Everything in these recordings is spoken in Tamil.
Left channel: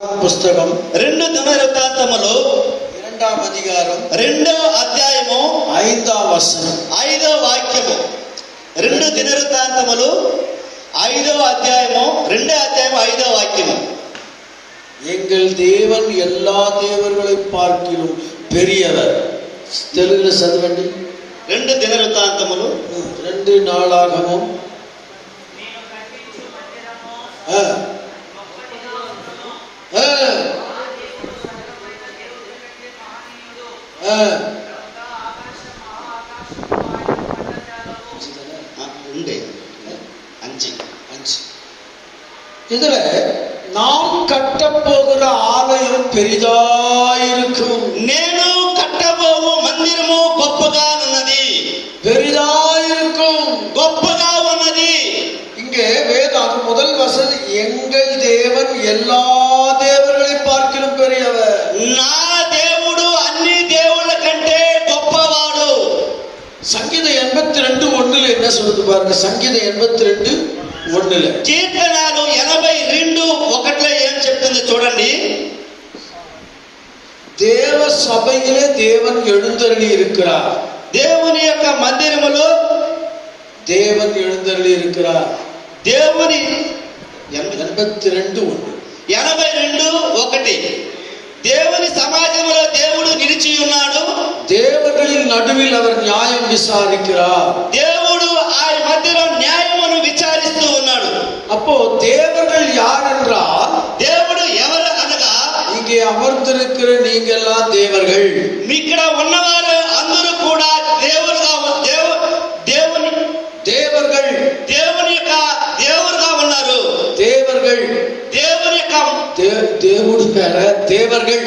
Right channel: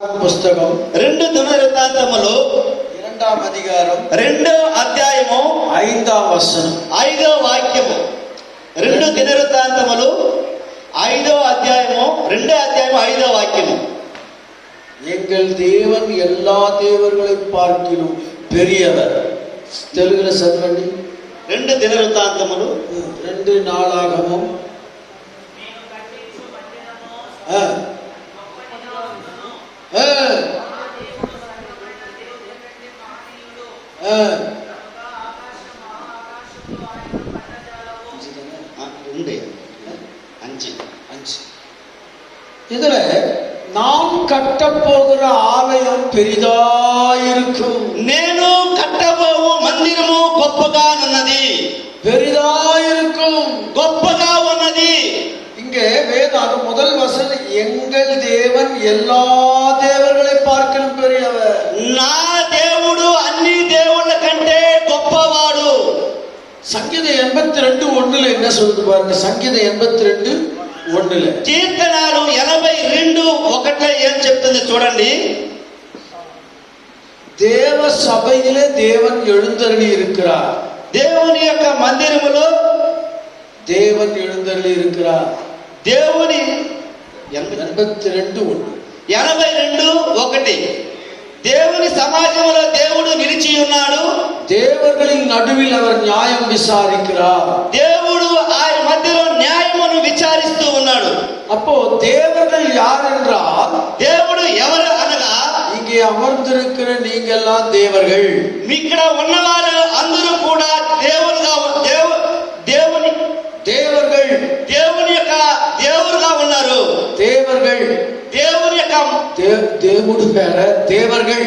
పుస్తకం 2 దినవృత్తాంతములు 2వ అధ్యాయం 2వ అధ్యాయము 5వ వచనం 5వ వాక్యము 2 దినవృత్తాంతములు 5వ అధ్యాయము 2వ అధ్యాయము 5వ వాక్యము எங்கள் தேவன் எல்லா தேவர்களை பார்க்கிலும் பெரியவர். తెలుగులో చదవండి. 2 దినవృత్తాంతములు 2 నాளாகமம் இதுல நாம் கட்டப்போகிற ஆலயம் பெரிதாயிருக்கும். నేను కట్టబోవు మందిరము గొప్పగా ఉన్నది. பெரிதாயிருக்கும், గొప్పగా ఉన్నది. இங்கே வேதாகம் முதல் வசனம் எங்கள் தேவன் எல்லா தேவர்களை பார்க்கிலும் பெரியவர். నా దేవుడు అన్ని దేవుళ్ళ కంటే గొప్పవాడు. சங்கீதம் 82:1 என்ன சொல்லுது பாருங்க. சங்கீதம் 82:1 కీర్తనలు 82:1 ఏం చెప్తుంది చూడండి. தேவ சபையிலே தேவன் எழுந்தருளி இருக்கிறார். దేవుని యొక్క మందిరములో தேவன் எழுந்தருளி இருக்கிறார். దేవుని 82:1 దేవుని సమాజంలో దేవుడు నిలిచి ఉన్నాడు. தேவர்களின் நடுவில் அவர் நியாயம் விசாரிக்கிறார். దేవుడు ఆయన మధ్యలో న్యాయమును విచారిస్తూ ఉన్నాడు. அப்போ தேவர்கள் யார் என்றால், దేవుడు ఎవరు అనగా இங்கே அமர்ந்திருக்கிற நீங்கெல்லாம் தேவர்கள். ఇక్కడ ఉన్నవారు అందరూ కూడా దేవుడుగా దేవుని தேவர்கள், దేవుని యొక్క దేవుడుగా ఉన్నారు. தேவர்கள், దేవుని యొక్క தேவனுடைய பேர தேவர்கள்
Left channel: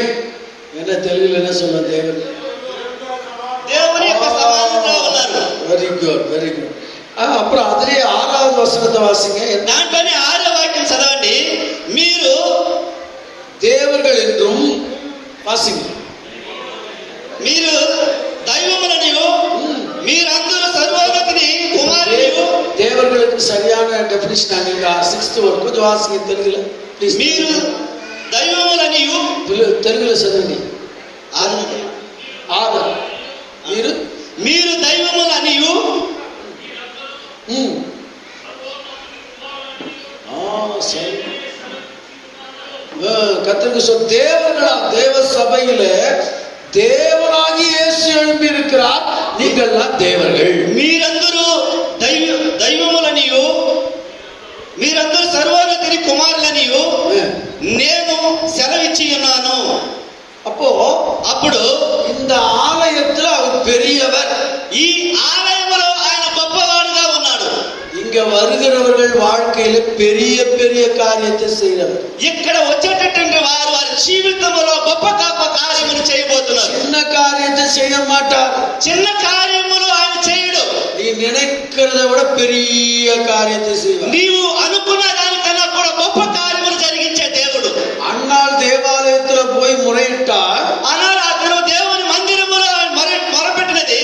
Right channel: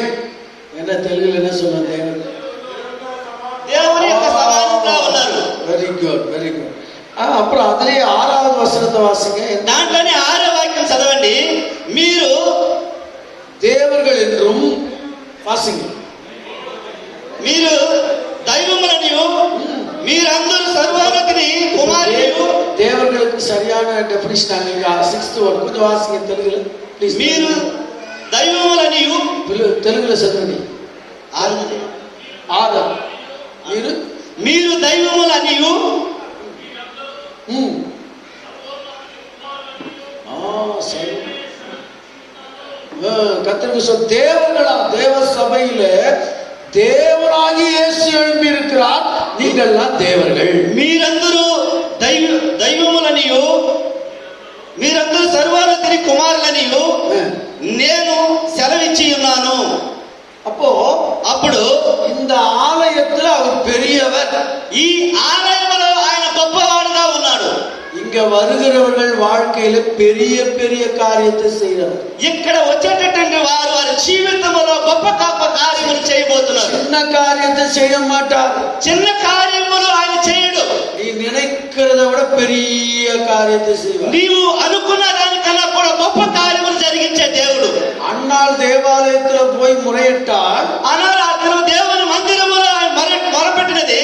என்ன தெலுங்குல என்ன சொல்லுவோம்? தேவர்கள், దేవుని యొక్క సమానంగా ఉన్నారు. Very good, very good. அப்புறம் அதிலே 6வது வசனத்தை வாசிங்க. దాంట్లోనే 6వ వాక్యం చదవండి. మీరు தேவர்கள் என்றும் வாசிங்க. మీరు దైవములనియు మీరందరూ సర్వోన్నతిని కుమారునియు. தேவர்களுக்கு சரியான டெஃபினிஷன் அங்க 6th வரைக்கும் கொஞ்சம் வாசிங்க தெலுங்குல ப்ளீஸ். మీరు దైవములనియు తెలుగులో చదవండి. మీరు దైవములనియు கர்த்தருக்கு சொல். தேவர்களா தேவ சபையில தேவனாகி இயேசு எழும்பி இருக்கிறார். நீங்கள்லாம் தேவர்கள். మీరందరూ దైవములనియు మీరందరూ సర్వోన్నతిని కుమారులనియు నేను సెలవిచ్చి ఉన్నాను. అప్పుడు இந்த ஆலயத்துல அவர் பெரியவர். ఈ ఆలయంలో ఆయన గొప్పవాడుగా ఉన్నాడు. இங்க வருகிறவர்கள் வாழ்க்கையில பெரிய பெரிய காரியத்தை செய்யறவர். ఇక్కడ వచ్చేటటువంటి వారి జీవితంలో గొప్ప కార్యములు చేయబోతున్నారు. చిన్న காரியத்தை செய்ய மாட்டார். చిన్న కార్యములు ఆయన చేయడు. நீ நினைக்கிறதை விட பெரிய காரியத்தை செய்வார். నీవు అనుకున్న దానికన్నా కూడా గొప్ప కార్యములు జరిగించే దేవుడు. அன்னாள் தேவாலயத்துல போய் முறையிட்டார். ஆனால் అతను దేవుని మందిరములో మొరపెట్టినది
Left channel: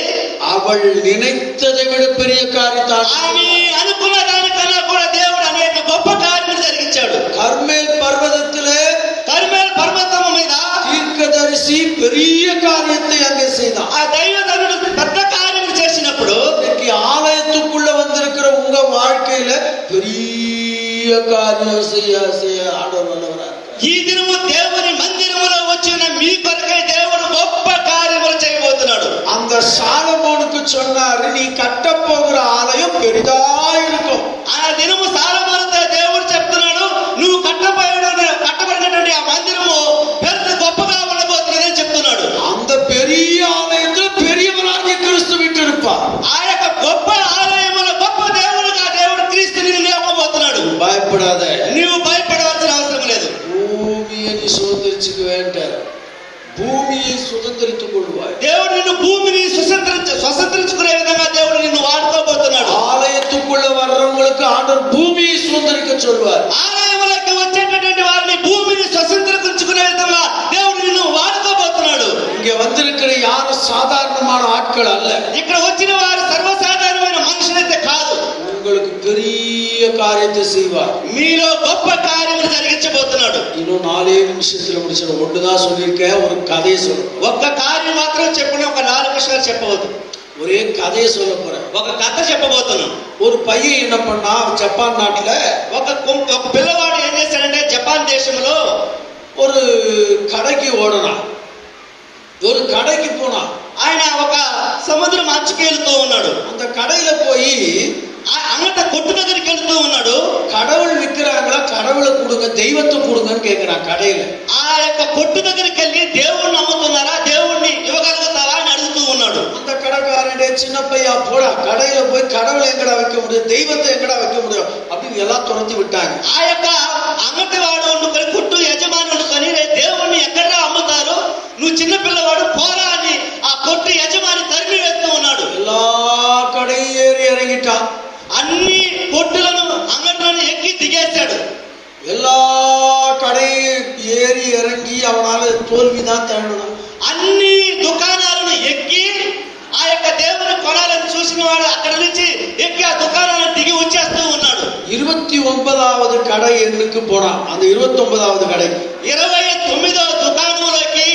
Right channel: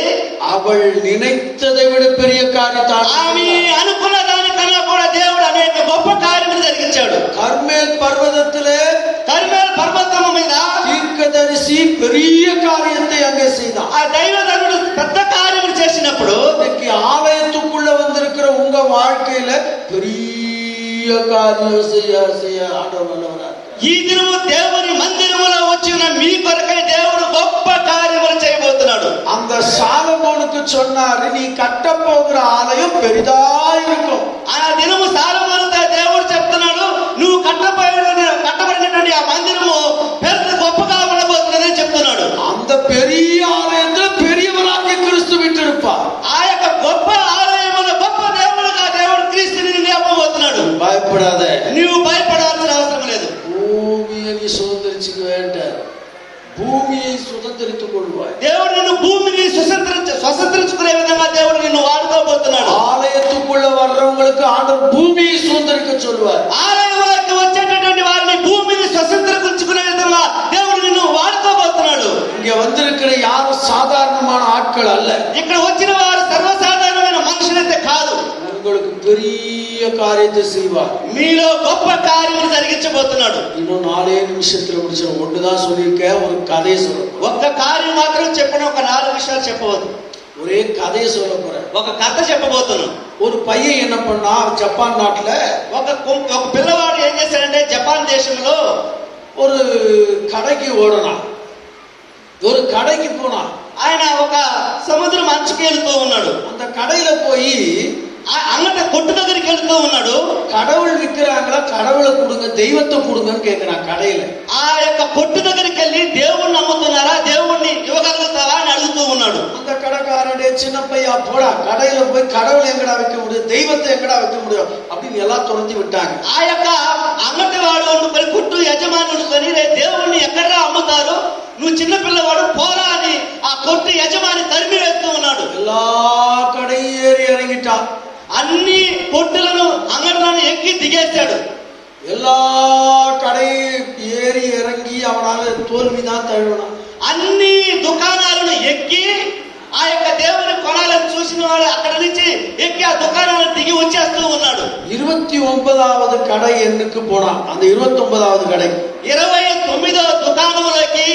அவள் நினைத்ததை விட பெரிய காரியத்தை ఆయన అనుకున్న దానికన్నా కూడా దేవుడు అనేక గొప్ప కార్యములు జరిగించాడు. கர்மேல் பர்வதத்திலே కర్మేల్ పర్వతము మీద தீர்க்கதரிசி பெரிய காரியத்தை அங்கே செய்தான். ఆ దైవజనుడు పెద్ద కార్యములు చేసినప్పుడు இன்னைக்கு ஆலயத்துக்குள்ள வந்திருக்கிற உங்க வாழ்க்கையில பெரிய காரியம் செய்ய ஆண்டவர் வல்லவரா. ఈ దినము దేవుని మందిరములో వచ్చిన మీ కొరకై దేవుడు గొప్ప కార్యములు చేయబోతున్నాడు. அந்த சாலமோனுக்கு சொன்னாரு, நீ கட்ட போகிற ஆலயம் பெரிதா இருக்கும். ఆ దినము సాలొమోనుతో దేవుడు చెప్తున్నాడు, నువ్వు కట్టబడినటువంటి ఆ మందిరము పెద్ద గొప్పగా ఉండబోతున్నదని చెప్తున్నాడు. அந்த பெரிய ஆலயத்துல பெரியவராகிய கிறிஸ்து விட்டிருப்பார். ఆ యొక్క గొప్ప ఆలయములో గొప్ప దేవుడుగా దేవుడు క్రీస్తుని లేపబోతున్నాడు. பயப்படாத, నీవు భయపడవలసిన అవసరం లేదు. பூமியை நீ சுதந்திரிச்சுக்க வேண்டாம். பூமியை சுதந்திரித்துக் கொள்வாய். దేవుడు నిన్ను భూమిని స్వతంత్రించుకునే విధంగా దేవుడు నిన్ను వాడుకోబోతున్నాడు. ஆலயத்துக்குள்ள வர்றவங்களுக்கு ஆண்டவர் பூமியை சுதந்திரிக்க சொல்வார். ఆలయంలోకి వచ్చేటటువంటి వారిని భూమిని స్వతంత్రించుకునే విధంగా దేవుడు నిన్ను వాడుకోబోతున్నాడు. இங்க வந்திருக்கிற யாரும் சாதாரணமான ஆட்கள் அல்ல. ఇక్కడ వచ్చిన వారు సర్వసాధారణమైన మనుషులైతే కాదు. உங்களுக்கு பெரிய காரியத்தை காரியத்தை செய்வார். మీలో గొప్ప కార్యములు జరిగించబోతున్నాడు. இன்னும் 4 நிமிஷத்துல முடிச்சிடும். ஒண்ணுதான் சொல்லியிருக்கேன், ஒரு கதையை சொல்லணும். ఒక్క కార్యం మాత్రం చెప్పిన ఒక 4 విషయాలు చెప్పవద్దు. ஒரே கதையை சொல்ல போறேன். ఒక కథ చెప్పబోతున్నాను. ஒரு பையன் என்ன பண்ணா, ஜப்பான் நாட்டுல ఒక పిల్లవాడు ఏం చేశాడంటే జపాన్ దేశంలో ஒரு கடைக்கு ஓடனான். ஒரு கடைக்கு போனான். ఆయన ఒక సముద్రం అంచుకి వెళ్తూ ఉన్నాడు. அந்த கடையில போய் అంగట కొట్టు దగ్గరికి వెళ్తూ ఉన్నాడు. கடவுள் விற்கிறாங்களா, கடவுளை கொடுங்க, தெய்வத்தை கொடுங்கன்னு கேட்கிறான் கடையில. ఆ యొక్క కొట్టు దగ్గరికి వెళ్ళి దేవుణ్ణి అమ్ముతున్నారా, దేవుణ్ణి ఇవ్వగలుగుతారా అని అడుగుతూ ఉన్నాడు. அந்த கடைக்காரனே, சின்ன பையா போடா, கடையில போய் கடவுளை எங்கடா வைக்க முடியும், தெய்வத்தை எங்கடா வைக்க முடியும் அப்படின்னு எல்லாம் துரத்தி விட்டாங்க. ఆ యొక్క అంగటి వాడు వండుకొని కొట్టు యజమాని వండుకొని దేవుణ్ణి ఎక్కడా అమ్ముతారు, నువ్వు చిన్న పిల్లవాడు పోరా అని ఆ కొట్టు యజమాని తరిమి వేస్తూ ఉన్నాడు. எல்லா கடையும் ஏறி இறங்கிட்டான். అన్ని కొట్టులను అంగట్లను ఎక్కి దిగేశాడు. எல்லா கடையும் ஏறி இறங்கி அவனால தோல்விதான் தழுவினான். అన్ని దుకాణాలను ఎక్కి ఆ యొక్క దేవుని కొనాలని చూసిన వాడు అక్కడ నుంచి ఎక్కి ఆ దుకాణాలను దిగి వచ్చేస్తూ ఉన్నాడు. 29வது கடை எண்ணுக்கு போனான். அந்த 29வது கடை 29వ దుకాణంలోకి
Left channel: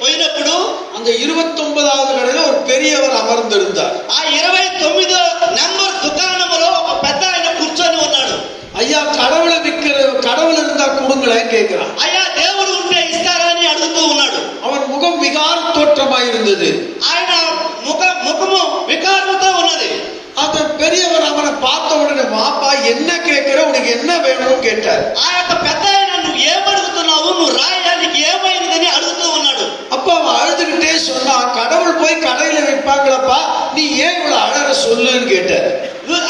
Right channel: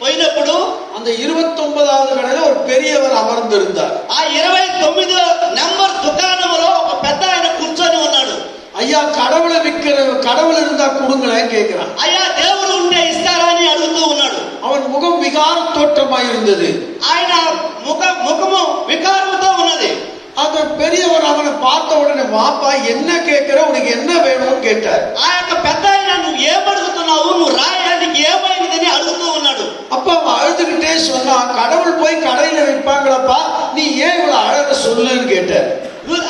పోయినప్పుడు அந்த 29வது கடையில ஒரு பெரியவர் அமர்ந்திருந்தார். ఆ 29వ నంబర్ దుకాణంలో ఒక పెద్ద ఆయన కూర్చొని ఉన్నాడు. ஐயா, கடவுளை விற்கிற, கடவுள் இருந்தா கொடுங்களேன் கேட்கிறான். అయ్యా దేవుడు ఉంటే ఇస్తారా అని అడుగుతూ ఉన్నాడు. அவன் முகம் விகார தோற்றமாய் இருந்தது. ఆయన ముఖము వికారంతో ఉన్నది. அந்த பெரியவர் அவனை பார்த்த உடனே, வாப்பா என்ன கேட்கிற, உனக்கு என்ன வேணும்னு கேட்டார். ఆ యొక్క పెద్ద ఆయన నువ్వు ఏమడుగుతున్నావు, నువ్వు రాయా, నీకు ఏమైందని అడుగుతూ ఉన్నాడు. அப்ப அவன் அழுதுகிட்டே சொன்னா, கடவுள் போய் கடையில விற்பாங்களப்பா, நீ ஏன் இவ்வளவு அழற சொல்லுன்னு கேட்டார்.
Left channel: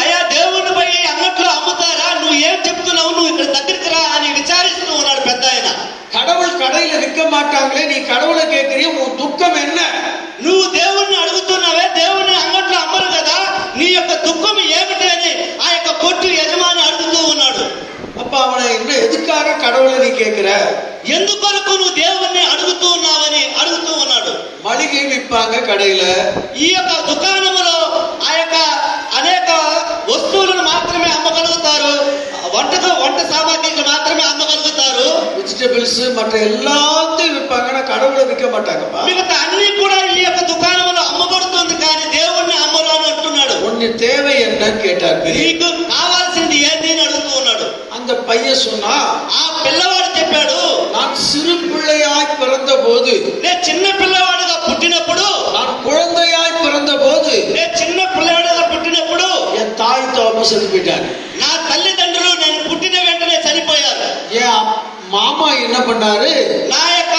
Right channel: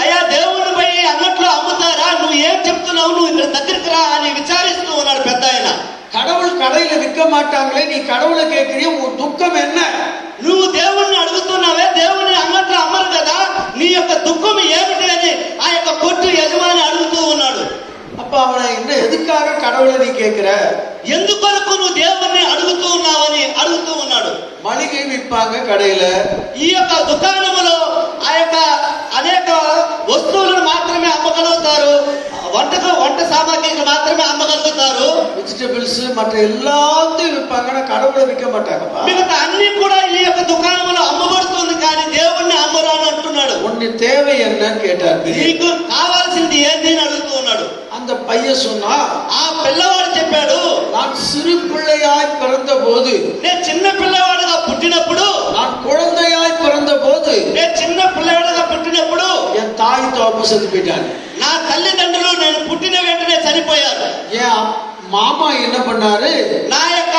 అయ్యా దేవుని పోయి అంగట్లో అమ్ముతారా, నువ్వు ఏం చెప్తున్నావు, నువ్వు ఇక్కడ దగ్గరికి రా అని విచారిస్తూ ఉన్నాడు పెద్ద ఆయన. கடவுள் கடையில விற்க மாட்டாங்களே, நீ கடவுளை கேட்கிறிய, உன் துக்கம் என்ன? నువ్వు దేవుణ్ణి అడుగుతున్నావే, దేవుని అంగట్లో అమ్మరు కదా, నీ యొక్క దుఃఖం ఏమిటి అని ఆ యొక్క కొట్టు యజమాని అడుగుతూ ఉన్నాడు. அப்ப அவனை, என்ன எதுக்காக கடவுளை நீ கேட்கிற, ఎందుకొరకు నువ్వు దేవుణ్ణి అడుగుతూ ఉన్నావని అడుగుతూ ఉన్నాడు. மளிகை விற்பாங்க கடையில, ఈ యొక్క దుకాణంలో ఆ యొక్క అనేక వస్తువులను మాత్రమే అమ్మగలుగుతారు, వంట సామాగ్రిని మాత్రమే అమ్మగలుగుతారు. வெஜிடபிள்ஸ் மற்ற எல்லாத்தையும் விற்பாங்க, கடவுளை விற்க மாட்டாங்கப்பா. మిగతా అన్ని కూడా ఈ యొక్క దుకాణంలో అమ్మబడుతుంది, కానీ దేవుణ్ణి అమ్మరు అని అంటున్నాడు. உன்னை தேவை என்னன்னு கேட்டார். నీకు కావాల్సింది ఏంటి అని అడుగుతూ ఉన్నాడు. அந்த பையன் சொன்னா, ఆ పిల్లవాడు చెప్పాడు, நான் சிறு பிள்ளையாய் பிறந்த போது, నేను చిన్న పిల్లవాడుగా పుట్టినప్పుడు, நான் குழந்தையாய் பிறந்த போது, నేను చిన్న పిల్లవాడుగా పుట్టినప్పుడు என் தாய் தோப்பு செத்து போயிட்டாங்க. నా తల్లిదండ్రులు నేను పుట్టిన వెంటనే చనిపోయారు. என் மாமா என்ன பண்ணாரு, నా యొక్క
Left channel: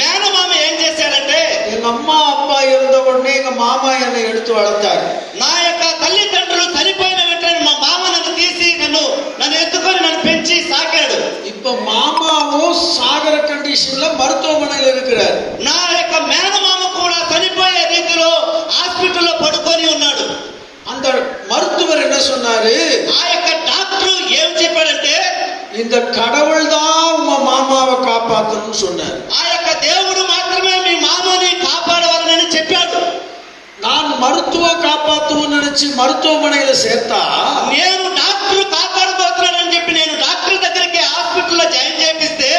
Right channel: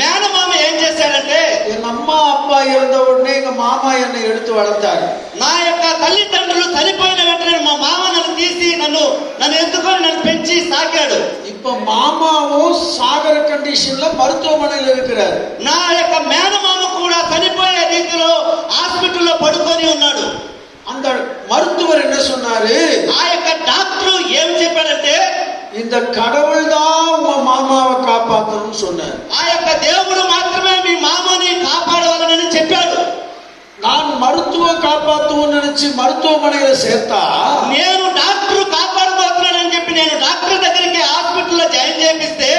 మేనమామ ఏం చేశాడంటే, எங்க அம்மா அப்பா இறந்த உடனே எங்க மாமா என்னை எடுத்து வளர்த்தாரு. నా యొక్క తల్లిదండ్రులు చనిపోయిన వెంటనే మా మామ నన్ను తీసి నన్ను ఎత్తుకొని నన్ను పెంచి సాకాడు. இப்ப மாமாவும் சாகர கண்டிஷன்ல மருத்துவமனையில் இருக்கிறார். నా యొక్క మేనమామ కూడా చనిపోయే రీతిలో హాస్పిటల్లో పడుకొని ఉన్నాడు. அந்த மருத்துவர் என்ன சொன்னாரு, ఆ యొక్క డాక్టర్ ఏం చెప్పాడంటే, இந்த கடவுள் தான் உங்க மாமாவை காப்பாத்தணும்னு சொன்னார். ఆ యొక్క దేవుడు మాత్రమే మీ మామని కాపాడవాలని చెప్పాడు. நான் மருத்துவம் காப்பாத்துவோம்னு நினைச்சு மருத்துவமனையில சேர்த்தா, నేను డాక్టర్ కాపాడబోతున్నానని చెప్పి నేను డాక్టర్ దగ్గరికి హాస్పిటల్లో జాయిన్ చేపిస్తే,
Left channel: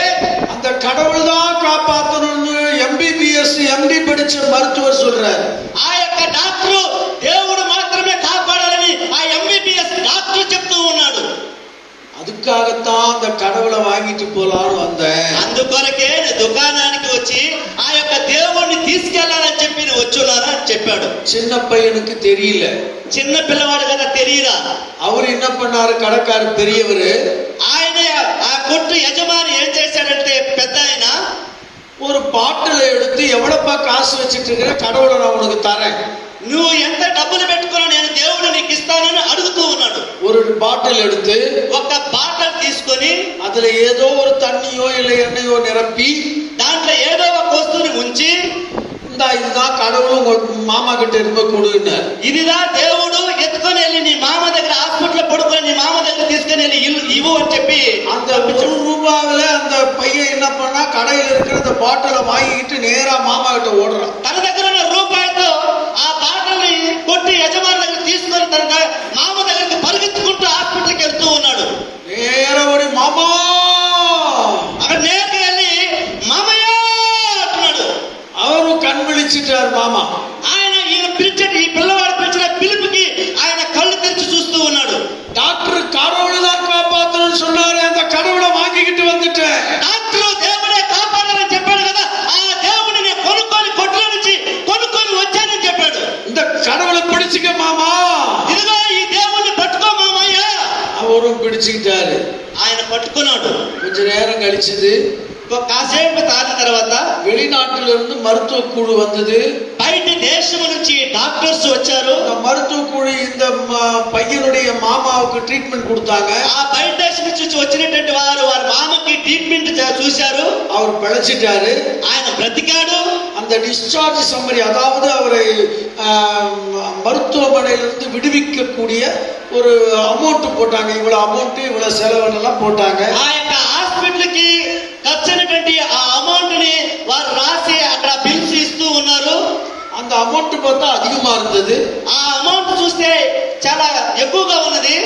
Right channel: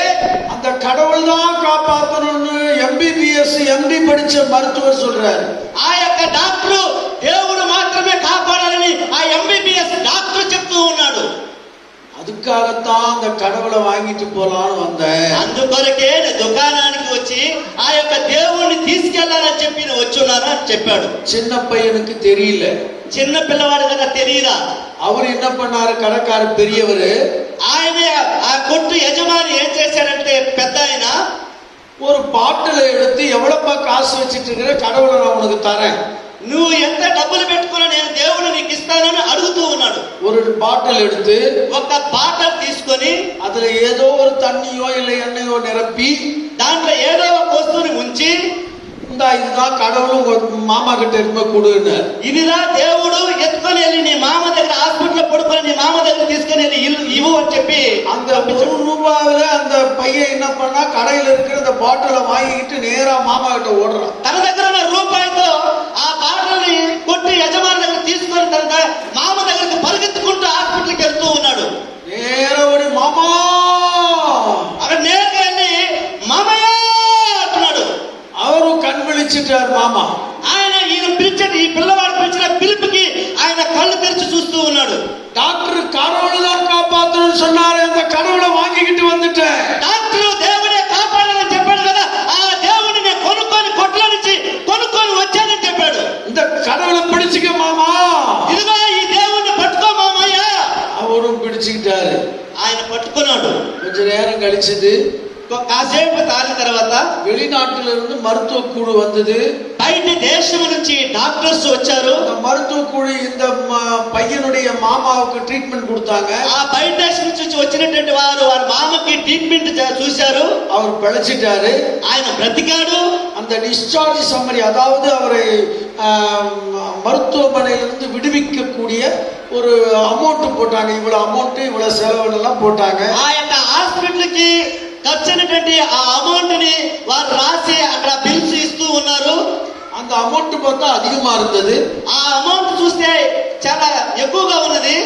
அந்த கடவுள் தான் காப்பாத்தணும்னு MBBS MD படிச்ச மருத்துவர் சொல்றாரு. ఆ యొక్క డాక్టర్ దేవుడు మాత్రమే కాపాడాలని ఆ MBBS డాక్టర్ చెప్తూ ఉన్నాడు. அதுக்காகத்தான் அந்த கடவுளை வாங்கிட்டு போலான்னு வந்தேன். అందుకొరకే దుకాణానికి వచ్చి ఆ యొక్క దేవుణ్ణి తీసుకెళ్లాలని చెప్పి వచ్చున్నాను అని చెప్పాడు. சின்ன பையனுக்கு தெரியல. చిన్న పిల్లవాడు కదా, తెలియదా. அவர் என்ன பண்ணாரு, கடைக்காரர் பெரியவரு, ఆయన ఆ కొట్టు యజమాని ఏం చేశాడంటే, పెద్ద ఆయన ஒரு பாட்டில எடுத்து, எவ்வளப்பா காசு வச்சிட்டு இருக்கிற, கடவுளை நான் உனக்கு தரேன், నువ్వు ఎంత డబ్బులు పెట్టుకున్నా నేను దేవుడు నీకు ఇస్తానని అడుగుతూ ఉన్నాడు. ஒரு பாட்டில் எடுத்து ఒక బాటల్ తీసుకొని அதுல ஏதோ ஒரு தண்ணியோ இல்ல எண்ணெயோ நிரப்பி, దాంట్లో ఏదో ఒక వస్తువుని ఉంచి, இதுதான் கடவுளும் உங்க மாமா கிட்ட இருந்த கொடுன்னு, ఇదిదా దేవుడు ఎత్తుకొని వెళ్ళి నీ మామ దగ్గర హాస్పిటల్ పడుకొని నీ మామ దగ్గర తీసుకొని వెళ్ళి ఇవ్వు అని చెప్పి, அந்த ₹1 அந்த பையன் என்ன பண்ணா, கடையில இருக்கிற அந்த பாட்டிலை வாங்கிட்டு நேரா மாமா கிட்ட ஓடுறான். తన దగ్గర ఉన్న రూపాయితో ఆ బాటల్ని కొట్టి యజమాని దగ్గర తీసుకొని తన మామ దగ్గరికి పరిగెత్తుకుంటూ హాస్పిటల్కి వెళ్తూ ఉన్నాడు. పిలిచిటారు మామ. ఆయన ఈయన పిలిచాడు, ఈ పిల్లవాడు పిలిచిన పిలుపుకి ఆయన కళ్ళు తెరిచి చూస్తూ ఉన్నాడు. டாக்டர் கடவுளை தான் காப்பாத்தணும்னு சொன்னாரு, அந்த கடவுளை வாங்கிக்கிட்டு வந்துட்டேன். డాక్టర్ దేవుడే కాపాడాలని చెప్పాడు కదా, ఆ దేవుడిని నేను కొనుక్కొని కొట్లో నుంచి కొనుక్కొని వచ్చానని చెప్పాడు. இந்த கடவுளை பிடிச்சுக்க மாமா. ఇదిగో ఈ దేవుడిని పట్టుకో మామయ్య. அவரும் பிடிச்சுக்கிட்டாரு. ఆయన పట్టుకున్నాడు. கொஞ்ச நேரம் கழிச்சது, కాసేపు తాగిన తర్వాత வெளிநாட்டில இருந்து மருத்துவ குழு வந்தது. బయట దేశం నుంచి డాక్టర్స్ వచ్చారు. அந்த மருத்துவ குழு இந்த பையனுடைய மாமாவுக்கு ட்ரீட்மெண்ட் கொடுத்தாங்க. ఆ బయట దేశం నుంచి వచ్చినటువంటి వారు వారి మామకి ట్రీట్మెంట్ చూశారు. அவர் பிழைச்சிட்டாரு. ఆయన బ్రతికాడు. அந்த டிஸ்சார்ஜ் சம்மரி, அதாவது அவரை மருத்துவமனையிலிருந்து விடுவிக்கக்கூடிய ஒரு அமௌண்ட் போட்டாங்க. இவ்வளவு அமௌண்ட், இவ்வளவு செலவுலாம் போட்டாங்க. ఆ యొక్క హాస్పిటల్ కి ఖర్చైనటువంటి ఆ అమౌంట్ ని వారు రాసి అక్కడ బిల్స్ ఇస్తూ ఉన్నారు. அந்த அமௌண்ட் பார்த்தா அதிகமா இருந்தது. ఆ అమౌంట్ చూస్తే చాలా ఎక్కువగా ఉన్నది.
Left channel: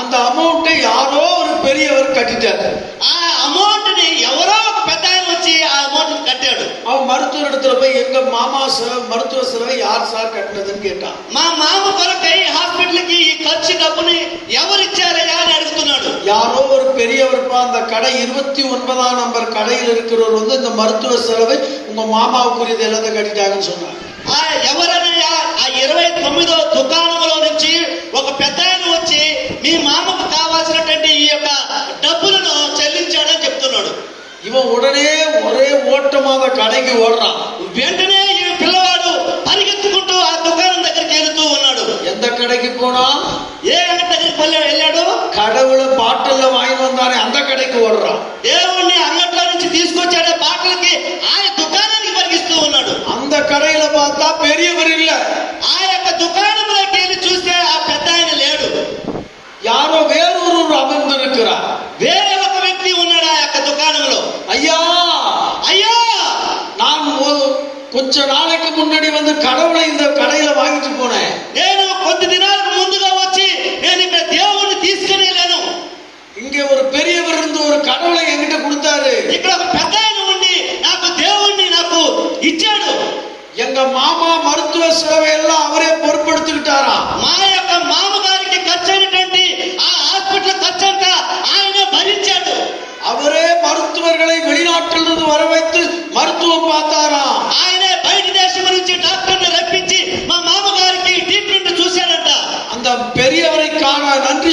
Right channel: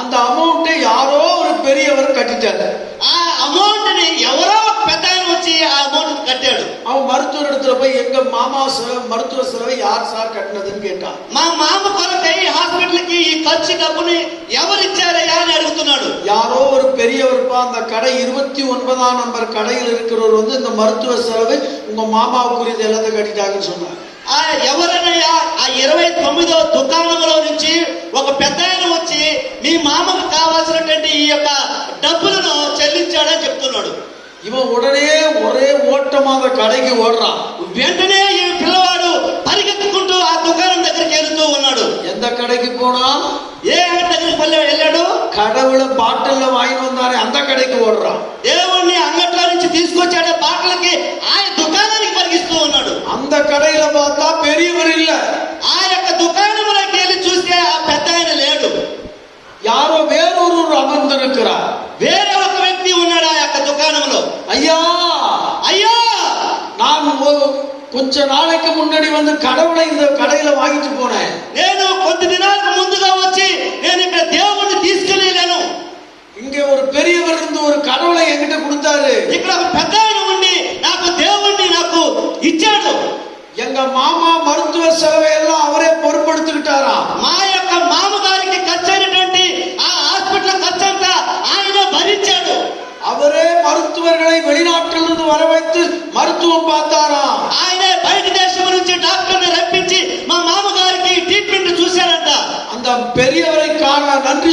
அந்த அமௌண்ட்டை யாரோ ஒரு பெரியவர் கட்டிட்டாரு. ఆ అమౌంట్ ని ఎవరో ఒక పెద్ద ఆయన వచ్చి ఆ అమౌంట్ కట్టాడు. அவன் மருத்துவர் இடத்துல போய் எங்க மாமா செலவு, மருத்துவ செலவை யார் சார் கட்டினதுன்னு கேட்டான். మా మామ కొరకై హాస్పిటల్ కి ఈ ఖర్చు డబ్బుని ఎవరు ఇచ్చారయ్యా అని అడుగుతున్నాడు. யாரோ ஒரு பெரியவர்ப்பா, அந்த கடை 29ஆம் நம்பர் கடையில் இருக்கிறவர் வந்து இந்த மருத்துவ செலவை உங்க மாமாவுக்குரியது எல்லாத்தையும் கட்டிட்டாங்கன்னு சொன்னாங்க. ఆ ఎవరనయ్యా ఆ 29వ దుకాణంలో నుంచి ఒక పెద్ద ఆయన వచ్చి మీ మామకు కావాల్సినటువంటి ఈ యొక్క డబ్బులను చెల్లించాడని చెప్తున్నాడు. இவன் உடனே ஒரே ஓட்டமா அந்த கடைக்கு ஓடுறான். వెంటనే ఈ పిల్లవాడు పరిగెత్తుకుంటూ ఆ దుకాణం దగ్గరికి వెళ్తూ ఉన్నాడు. எந்த கடைக்கு போனா? ఏ అంగడి దగ్గరికి వెళ్ళాడు? கடவுளை பாட்டில்ல வாங்கி வந்தானே அந்த கடைக்கு ஓடுறான். దేవుణ్ణి అంగట్లో నుంచి తీసుకొచ్చాడే బాటలకి ఆ దుకాణానికి పరిగిస్తూ ఉన్నాడు. அந்த கடையில பார்த்தா பெரியவர் இல்ல. ఆ యొక్క దుకాణంలోకి వెళ్ళి చూస్తే ఆ పెద్ద ఆయన లేడు. யாரோ வேறொரு அமர்ந்திருக்கிறார். వేరే ఒక వ్యక్తి ఉన్నాడు ఆ యొక్క దుకాణంలో. ஐயா, అయ్యా, நான் கொஞ்ச நாளைக்கு முன்னாடி வந்து கடவுளை இந்த கடையில வாங்கிட்டு போனேன். నేను కొద్ది దినాలకు ముందుగా వచ్చి నేను ఇక్కడ దేవుణ్ణి తీసుకుని వెళ్ళాను. இங்க ஒரு பெரியவர் இருந்து ஒரு கடவுளை என்கிட்ட கொடுத்தாரு. ఇక్కడ ఒక పెద్ద ఆయన ఉండి నాకు దేవుణ్ణి నాకు ఇచ్చాడు. எங்க மாமா மருத்துவ செலவை எல்லாம் அவரே பொறுப்படுத்திக்கிட்டாரா. మా యొక్క మామగారికి ఖర్చైనటువంటి ఆ హాస్పిటల్ ఖర్చంతా ఆయన భరించాడు. அவரே மருத்துவர்களை வெளிநாட்டிலிருந்து வர வைத்து மருத்துவம் பார்த்தாரா. ఆయనే బయట దేశం నుంచి డాక్టర్ని రప్పించి మా మామగారికి ట్రీట్మెంట్ చూశాడంట. அந்த பெரியவரை காண நன்றி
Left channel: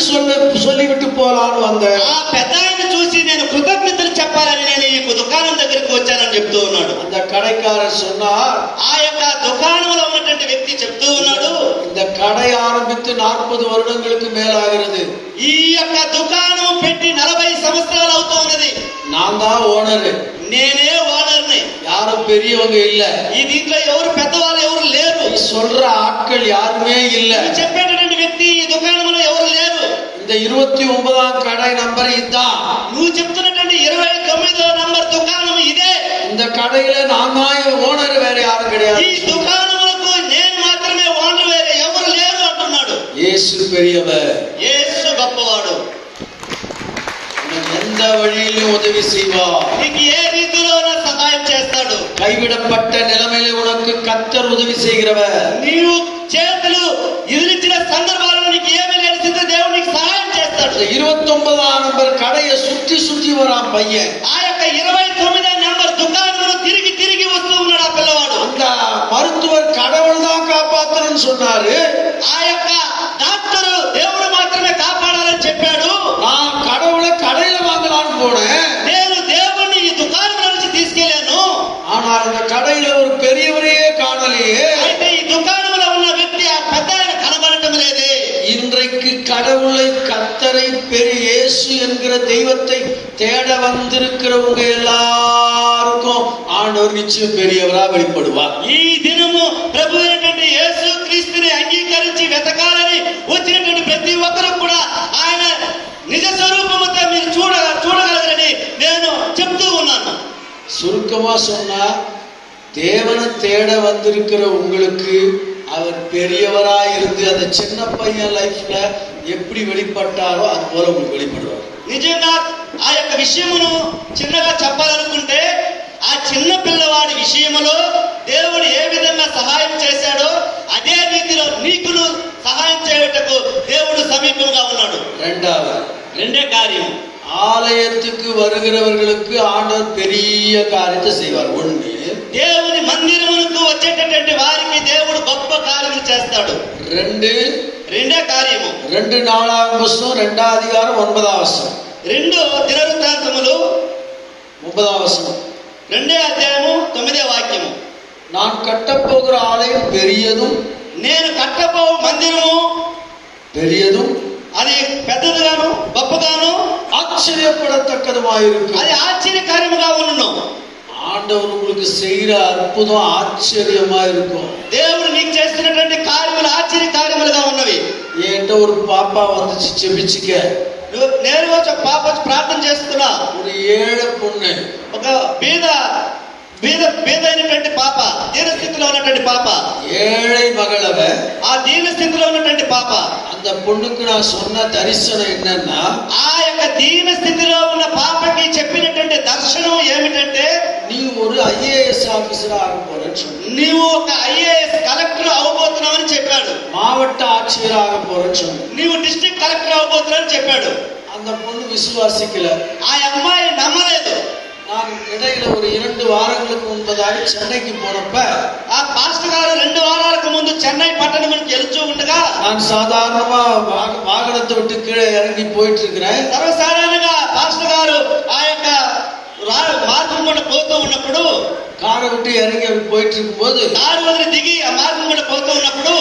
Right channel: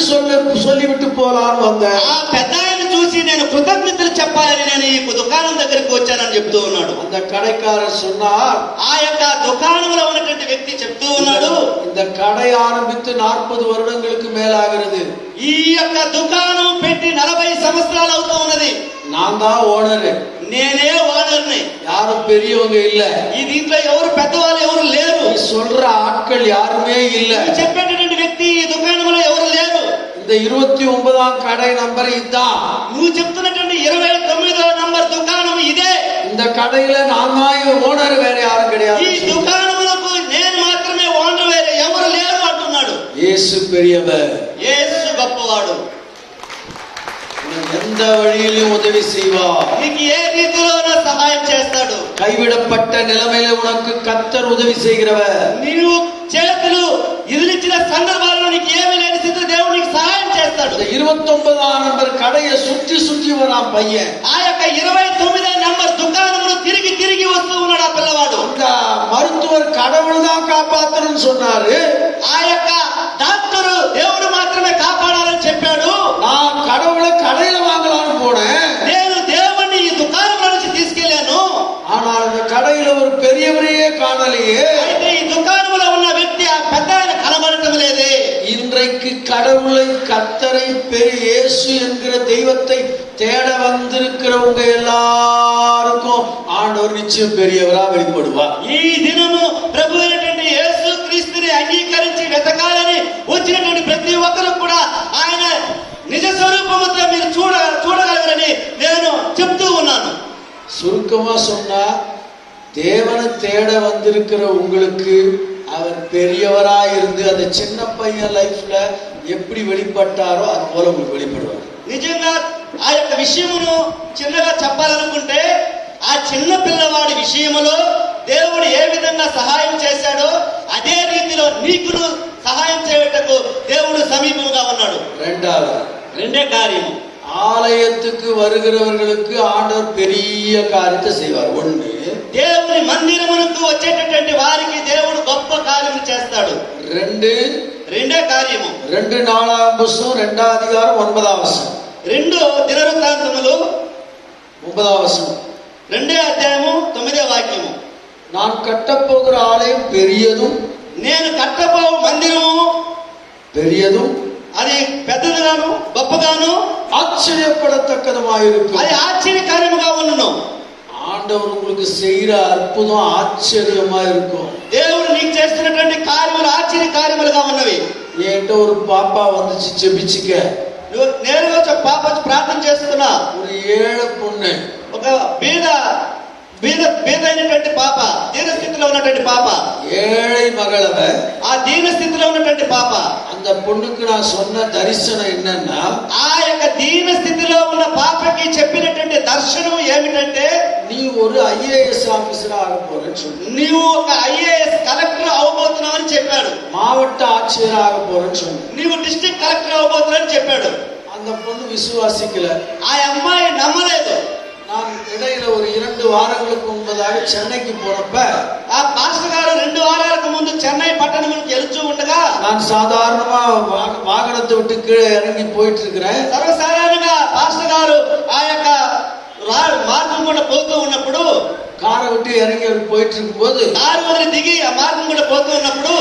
சொல்லிவிட்டு போலான்னு வந்தேன். ఆ పెద్ద ఆయన చూసి నేను కృతజ్ఞతలు చెప్పాలని నేను ఈ దుకాణం దగ్గరికి వచ్చానని చెప్తూ ఉన్నాడు. அந்த கடைக்காரர் சொன்னார், ఆ యొక్క దుకాణంలో ఉన్నటువంటి వ్యక్తి చెప్తూ ఉన్నాడు, இந்த கடை ஆரம்பித்து 40 வருடங்களுக்கு மேலாகிறது. ఈ యొక్క దుకాణం పెట్టి 40 సంవత్సరాలు అవుతూ ఉన్నది. நான் தான் ஓனர். నేనే ఓనర్ని. யாரும் பெரியவங்க இல்ல. ఈ దీంట్లో ఎవరు పెద్దవాళ్ళు ఎవరు లేరు. சொல்ற ஆட்கள் யாருமே இல்ல. చెప్పేటటువంటి వ్యక్తి ఈ దుకాణంలో ఎవరు లేరు. இந்த 29ஆம் கடை நம்பர் இதுதான். నువ్వు చెప్తున్నటువంటి 29వ నంబర్ దుకాణం ఇదే. இந்த கடையில நான் தான் ஓனர், வேற யாரும் கிடையாது. ఈ దుకాణములకు నేను మాత్రమే ఓనర్, వేరే ఎవరు లేరు అంటున్నాడు. இயேசு பெரியவர். యేసు గొప్పవాడు. எந்த வழியிலும் உதவி செய்வார். నీకు ఏ రీతిలోనూ సహాయం చేస్తాడు. கைவிடப்பட்ட நிலைமையில உனக்கு கர்த்தர் உதவி செய்கிறவர். నీవు చేతులు ఇదిలించిన సందర్భాలలో నీకు ఏమీ లేని స్థితి దేవుడు నీకు సహాయం చేస్తాడు. 29ஆம் நம்பர் கடையை சுற்றி சுற்றி வரான் பையன். ఆ యొక్క 29వ నంబర్ దుకాణంలో తిరిగి తిరిగి వస్తూ ఉన్నాడు ఆ పిల్లవాడు. அந்த மருத்துவர் கடவுள் தான் காப்பாத்தணும்னு சொன்னாரு. ఆ యొక్క డాక్టర్ దేవుడు మాత్రమే కాపాడాలని చెప్పాడు. நான் கடவுளை கடையில வாங்கலாம்னு போனேன். నేను దేవుణ్ణి ఈ దుకాణంలో నుంచి తీసుకెళ్లాను. ஆனால் அந்த கடையில ஒரு பெரியவரையே காணலையே. అయితే ఈ దుకాణంలో ఉన్న వ్యక్తి ఆ పెద్ద ఆయన కనబడటం లేదే. இன்றைக்கு கடவுளை, கர்த்தரை, பெரிய இயேசு என்கிற தெய்வத்தை தேட வந்திருக்கிறவங்க எல்லாருக்கும் ஆண்டவர் நிச்சயம் பெரியவரா வெளிப்படுவார். ఈ దినము ప్రభు అయినటువంటి యేసు క్రీస్తుని అంగీకరించి వెతకాలని వచ్చినటువంటి ప్రతి ఒక్కరు కూడా ఆయన నిజ స్వరూపముతో మీరు చూడగలరని నేను చెప్తూ ఉన్నాను. சுருக்கமா சொன்னா, தேவனை தேட வந்திருக்கிற உங்களுக்கு அவர் பெரியவரா இருந்து அந்த சின்ன பையன் லைஃப்ல எப்படி வெளிப்பட்டாரோ அது போல உங்களுக்கு வெளிப்படுவார். నిజంగా ఆ యొక్క విషయమును చిన్నగా చెప్పాలనుకుంటే, ఆ చిన్న పిల్లవాడి విషయములో దేవుడు ఏ విధంగా సహాయం చేశాడో అదే రీతిలో నీకును సహాయం చేయుటకు దేవుడు సమీపంగా ఉన్నాడు. రెండే కార్యం, ஆலயத்துக்கு வருகிறவர்களுக்கு ஆண்டவர் பெரிய காரியத்தை செய்வார். ஒண்ணு, దేవుని మందిరమునకు వచ్చేటటువంటి వారికి దేవుడు గొప్ప కార్యం చేస్తాడు. రెండే కార్యము. 2 4 పుస్తకం 2వ అధ్యాయం 9వ వచనం. 2 దినవృత్తాంతములు 9వ వచనం. 2వ అధ్యాయము 9వ వాక్యము. நான் கட்டப்போகிற ஆலயம் பெரியதும், నేను కట్టబో మందిరము பெரியதும், అది పెద్దదిగాను గొప్పగాను ஆச்சரியப்படத்தக்கதுமாயிருக்கும். అది ఆశ్చర్యకార్యముగా ఉండును. ஆண்டவர் உங்களுக்கு செய்யற அற்புதம் ஆச்சரியமா இருக்கும். దేవుడు నీకు చేస్తున్నటువంటి కార్యములు ఆశ్చర్య కార్యములుగా ఉన్నవి. என்கிட்ட ஒரு பாப்பா வந்துச்சு ஜெபிச்சுக்க. నేను ఒక పాప ప్రార్థన చేస్తున్నా. ஒரு ஏழை பொண்ணு, ఒక బీద అయినటువంటి పాప, దీన స్థితిలో ఉన్నటువంటి పాప, ஏழை மகளவ, ఆ దీన స్థితిలో ఉన్నటువంటి పాప. அந்த பொண்ணுக்கு நான் சொன்ன தரிசனம் என்னன்னா, ఆ యొక్క దీన స్థితిలో ఉన్న పాపకి చెప్పినటువంటి దర్శనం ఏమిటంటే, நீ ஒரு ஐஏஎஸ் ஆபீசரா ஆக போறேன்னு சொன்ன. నీవు ఒక ఐఏఎస్ కలెక్టర్ అవబోతున్నావని చెప్పాడు. மாவட்ட ஆட்சியர் ஆக போறேன்னு சொன்ன. నీవు డిస్ట్రిక్ట్ కలెక్టర్ అవబోతున్నావని చెప్పాడు. அந்த பொண்ணு விசுவாசிக்கல. ఆ అమ్మాయి నమ్మలేదు. நான் இடையில ஒரு 2 வாரங்களுக்கு முன்பதாக சென்னைக்கு போனப்ப, ఆ పాస్టర్ గారు 2 వారాలకు ముందు చెన్నై పట్టణమునికి వెళ్తూ ఉండగా, நான் சாதாரணமா வாகனத்தை விட்டு கீழே இறங்கி போயிட்டு இருக்கிறேன். సర్వసాధారణంగా పాస్టర్ గారు ఆ యొక్క మార్గం కూడా పోతూ ఉన్నప్పుడు, காரை விட்டு இறங்கி போயிட்டு இருக்கும்போது, కారు వదిలి దిగి ఆ మార్గం కూడా పోతూ ఉన్నప్పుడు,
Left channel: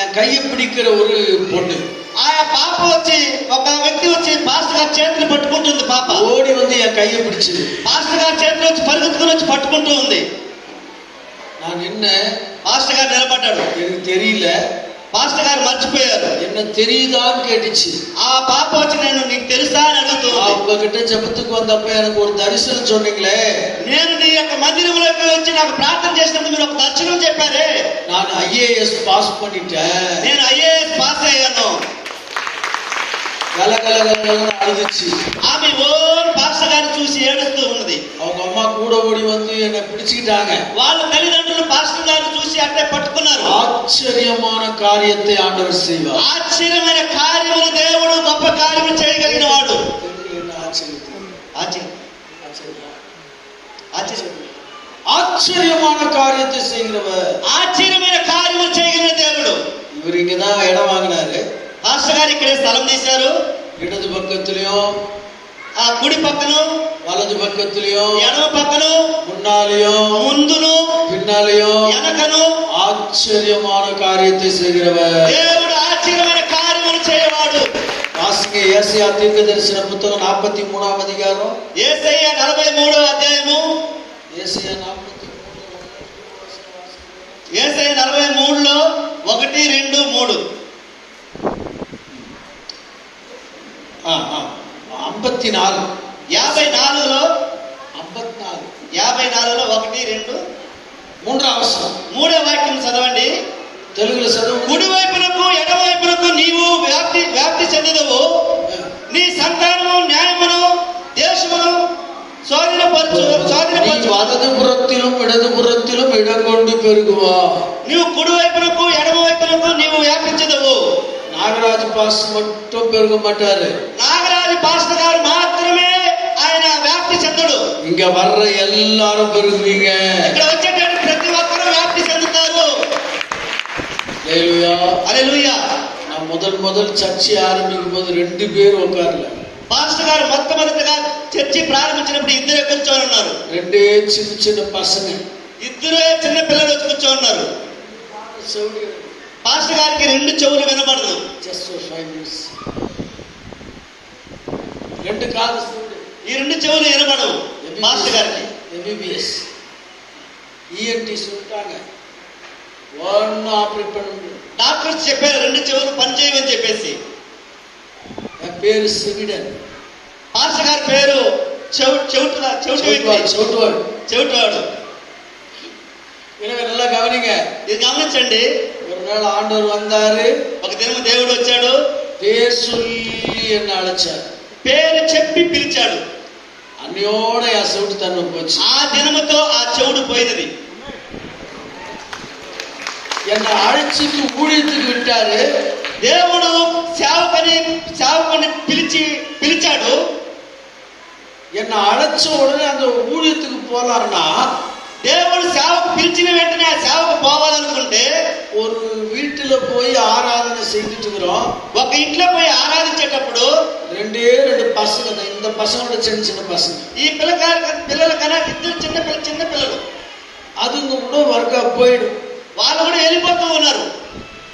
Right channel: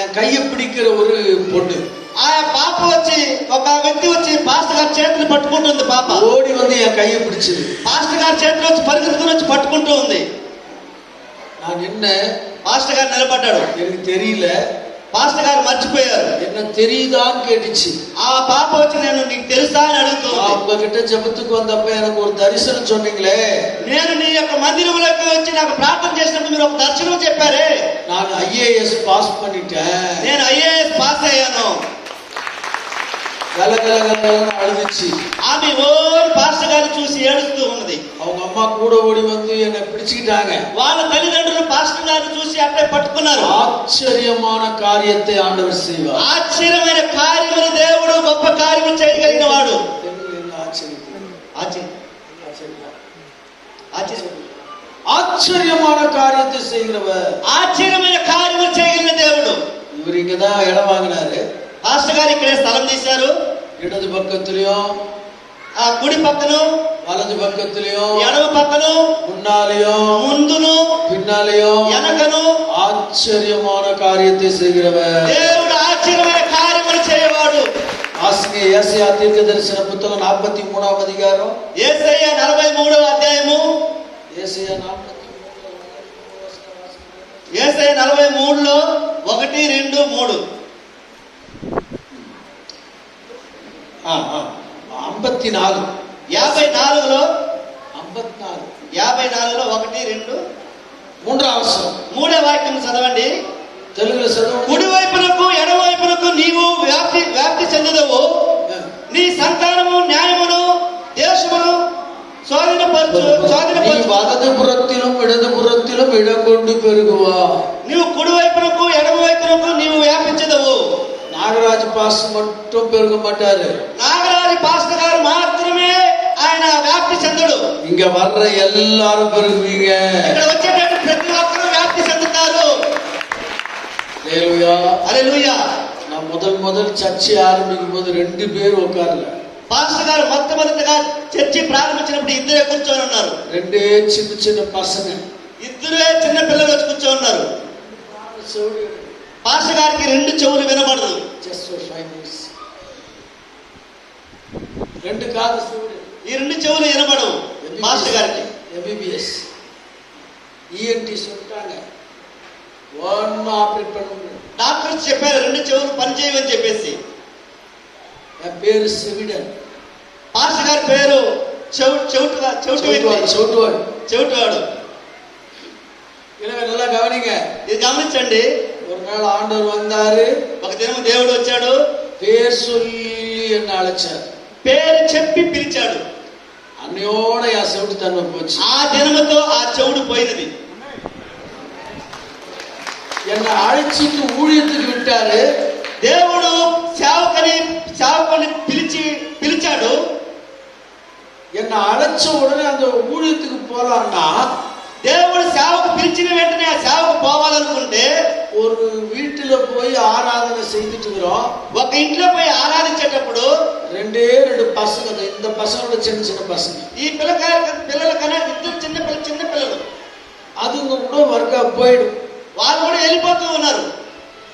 என் கையை பிடிக்கிற ஒரு பொண்ணு, ఆ పాప వచ్చి, ఒక వ్యక్తి వచ్చి పాస్టర్ గారి చేతిని పట్టుకుంటుంది. పాప ஓடி வந்து என் கையை பிடிச்சது. పాస్టర్ గారి చేతిలో వచ్చి పరిగెత్తుకుని వచ్చి పట్టుకుంటూ ఉంది. நான் நின்ன, పాస్టర్ గారు నిలబడ్డాడు. எனக்கு தெரியல. పాస్టర్ గారు మర్చిపోయారు. என்ன தெரியுதான்னு கேட்டுச்சு. ఆ పాప వచ్చి నేను నీకు తెలుసా అని అడుగుతుంది. உங்ககிட்ட ஜெபத்துக்கு வந்தப்ப எனக்கு ஒரு தரிசனம் சொன்னீங்களே, నేను నీ యొక్క మందిరంలోకి వచ్చి నాకు ప్రార్థన చేసినప్పుడు మీరు ఒక దర్శనం చెప్పారే, நான் ஐஏஎஸ் பாஸ் பண்ணிட்டேன், నేను ఐఏఎస్ పాస్ అయ్యాను. கலகலகலன்னு அழுதுச்சு. ఆమె ఓన్ పాస్టర్ గారిని చూసి ఏడుస్తూ ఉన్నది. அவங்க అమ్மா கூட ஓடி வந்து என்னை பிடிச்சுக்கிட்டாங்க. వాళ్ళ తల్లిదండ్రులు పాస్టర్ గారిని చూసి అట్టే పట్టుకున్నారు. ஆச்சரியமான காரியத்தை ஆண்டவர் செய்வார். ఆశ్చర్యమైన కార్యములు దేవుడు గొప్ప కార్యములు చేయగలిగిన వాడు. ஆச்சரியமான காரியத்தை செய்கிறவர், ఆశ్చర్యమైన కార్యములు చేయగలిగిన దేవుడు. இவர் இங்கதான் இடம் வாங்கினாரு. పాస్టర్ గారు ఇక్కడే స్థలం తీశారు. இடது பக்கத்திலயும், ఆ కుడి పక్కను, வலது பக்கத்திலயும், ఎడమ పక్కను, முன்னாலேயும், ముందును, பின்னாலேயும் వెనకను ஆச்சரியமான காரியத்தை செய்கிறவர். దేవుడు ఆశ్చర్యమైన కార్యములు చేయవాడు. வாசிங்க ஏசாயா தீர்க்கதரிசன புத்தகம் 43వ அதிகாரம். యేసయ్య 43వ అధ్యాయము. ஏசாயா 43లో 1, 2, 3. 54. 54లో 54 1, 2, 3వ వచనం. 3వ వాక్యం చదవండి. తెలుగులో చదవండి. కుడివైపునకు ఎడవైపునకు నీవు వ్యాప్తి చెందదవు. నీ సంతానము న్యాయమును దేశమును நீ வலது புறத்திலும் இடது புறத்திலும் இடம் கொண்டு பெருகுவா. నీవు కుడివైపునకు ఎడమవైపునకు నీవు వ్యాపించదవు. நாகராஜ் பாஸ்டர் மட்டும் பெருக மாட்டாரு. నాగరాజు పాస్టర్ గారు మాత్రమే ఆయన వ్యాప్తి చెందడు. இங்க வர்ற எல்லாரும் பெருகுவீங்க. ఇక్కడ వచ్చేటప్పుడు ప్రతి ఒక్కరూ వ్యాప్తి చెందుతారు. ஹல்லேலூயா, హల్లెలూయా. நான் முதல் சர்ச்சை ஆரம்பிக்கும் போது 2 பேர் உட்கார்ல. పాస్టర్ గారు మొట్టమొదటిగా చర్చి ప్రారంభించినప్పుడు 2 కూర్చొని ఉన్నారు. 2 சின்ன பசங்க, 2 చిన్న పిల్లలు వచ్చి కూర్చొని ఉన్నారు. పాస్టర్ గారికి 2 చెవులు వినబడదు. Just 5 minutes. 2 కాదు, ఈ 2 చెవులు వినబడవు పాస్టర్ గారికి. ఎంబీబీఎస్ ఈఎన్టీ சொல்லிட்டாங்க, ஒன்னு ஆபரேட் பண்ண முடியும். డాక్టర్స్ చెప్పారు 2 చెవులు పనిచేయమని చెప్పేసి. என் பேரு செவிடன். పాస్టర్ గారి పేరు చెవిటివాడు. நல்லா கவனிங்க, ఇది గమనించండి. ஒரு நாள் ஆண்டவர் வந்தாரு. ఒక దినం దేవుడు వచ్చాడు. பேர் சொல்லி என்ன அழைச்சார். పేరు చెప్పి పిలిచాడు. అన్నియోడ ఆ చెవిటి తన్ను పోச்சு. ఆ దినముతో ఆ చెవుడు పోయినది. என்னை அழைச்சிட்டு ஊழியத்துக்கு விட்டாரு. దేవుడు సేవకుని పిలిచాడు. என்னை அழைச்ச உடனே அந்த ஊழியத்துக்கு போலான்னா, దేవుడు సేవకు పిలిచిన వెంటనే ఆ సేవకు పోవాలనుకుంటే, ஒரு வீட்டுல போய் ஆராதனை செய்துட்டு இருக்கிறோம். ఒక ఇంట్లో పోయి ఆరాధించేటప్పుడు ரெண்டே ரெண்டு பசங்க, இந்த பசங்களோட சின்ன சின்ன பசங்க, ఈ పిల్లల కన్నా ఇద్దరు చిన్న పిల్లలు, அதுங்க கூட ஒர்க்கா போயிடும். వాళ్ళు కూడా వెళ్ళిపోతూ ఉన్నారు.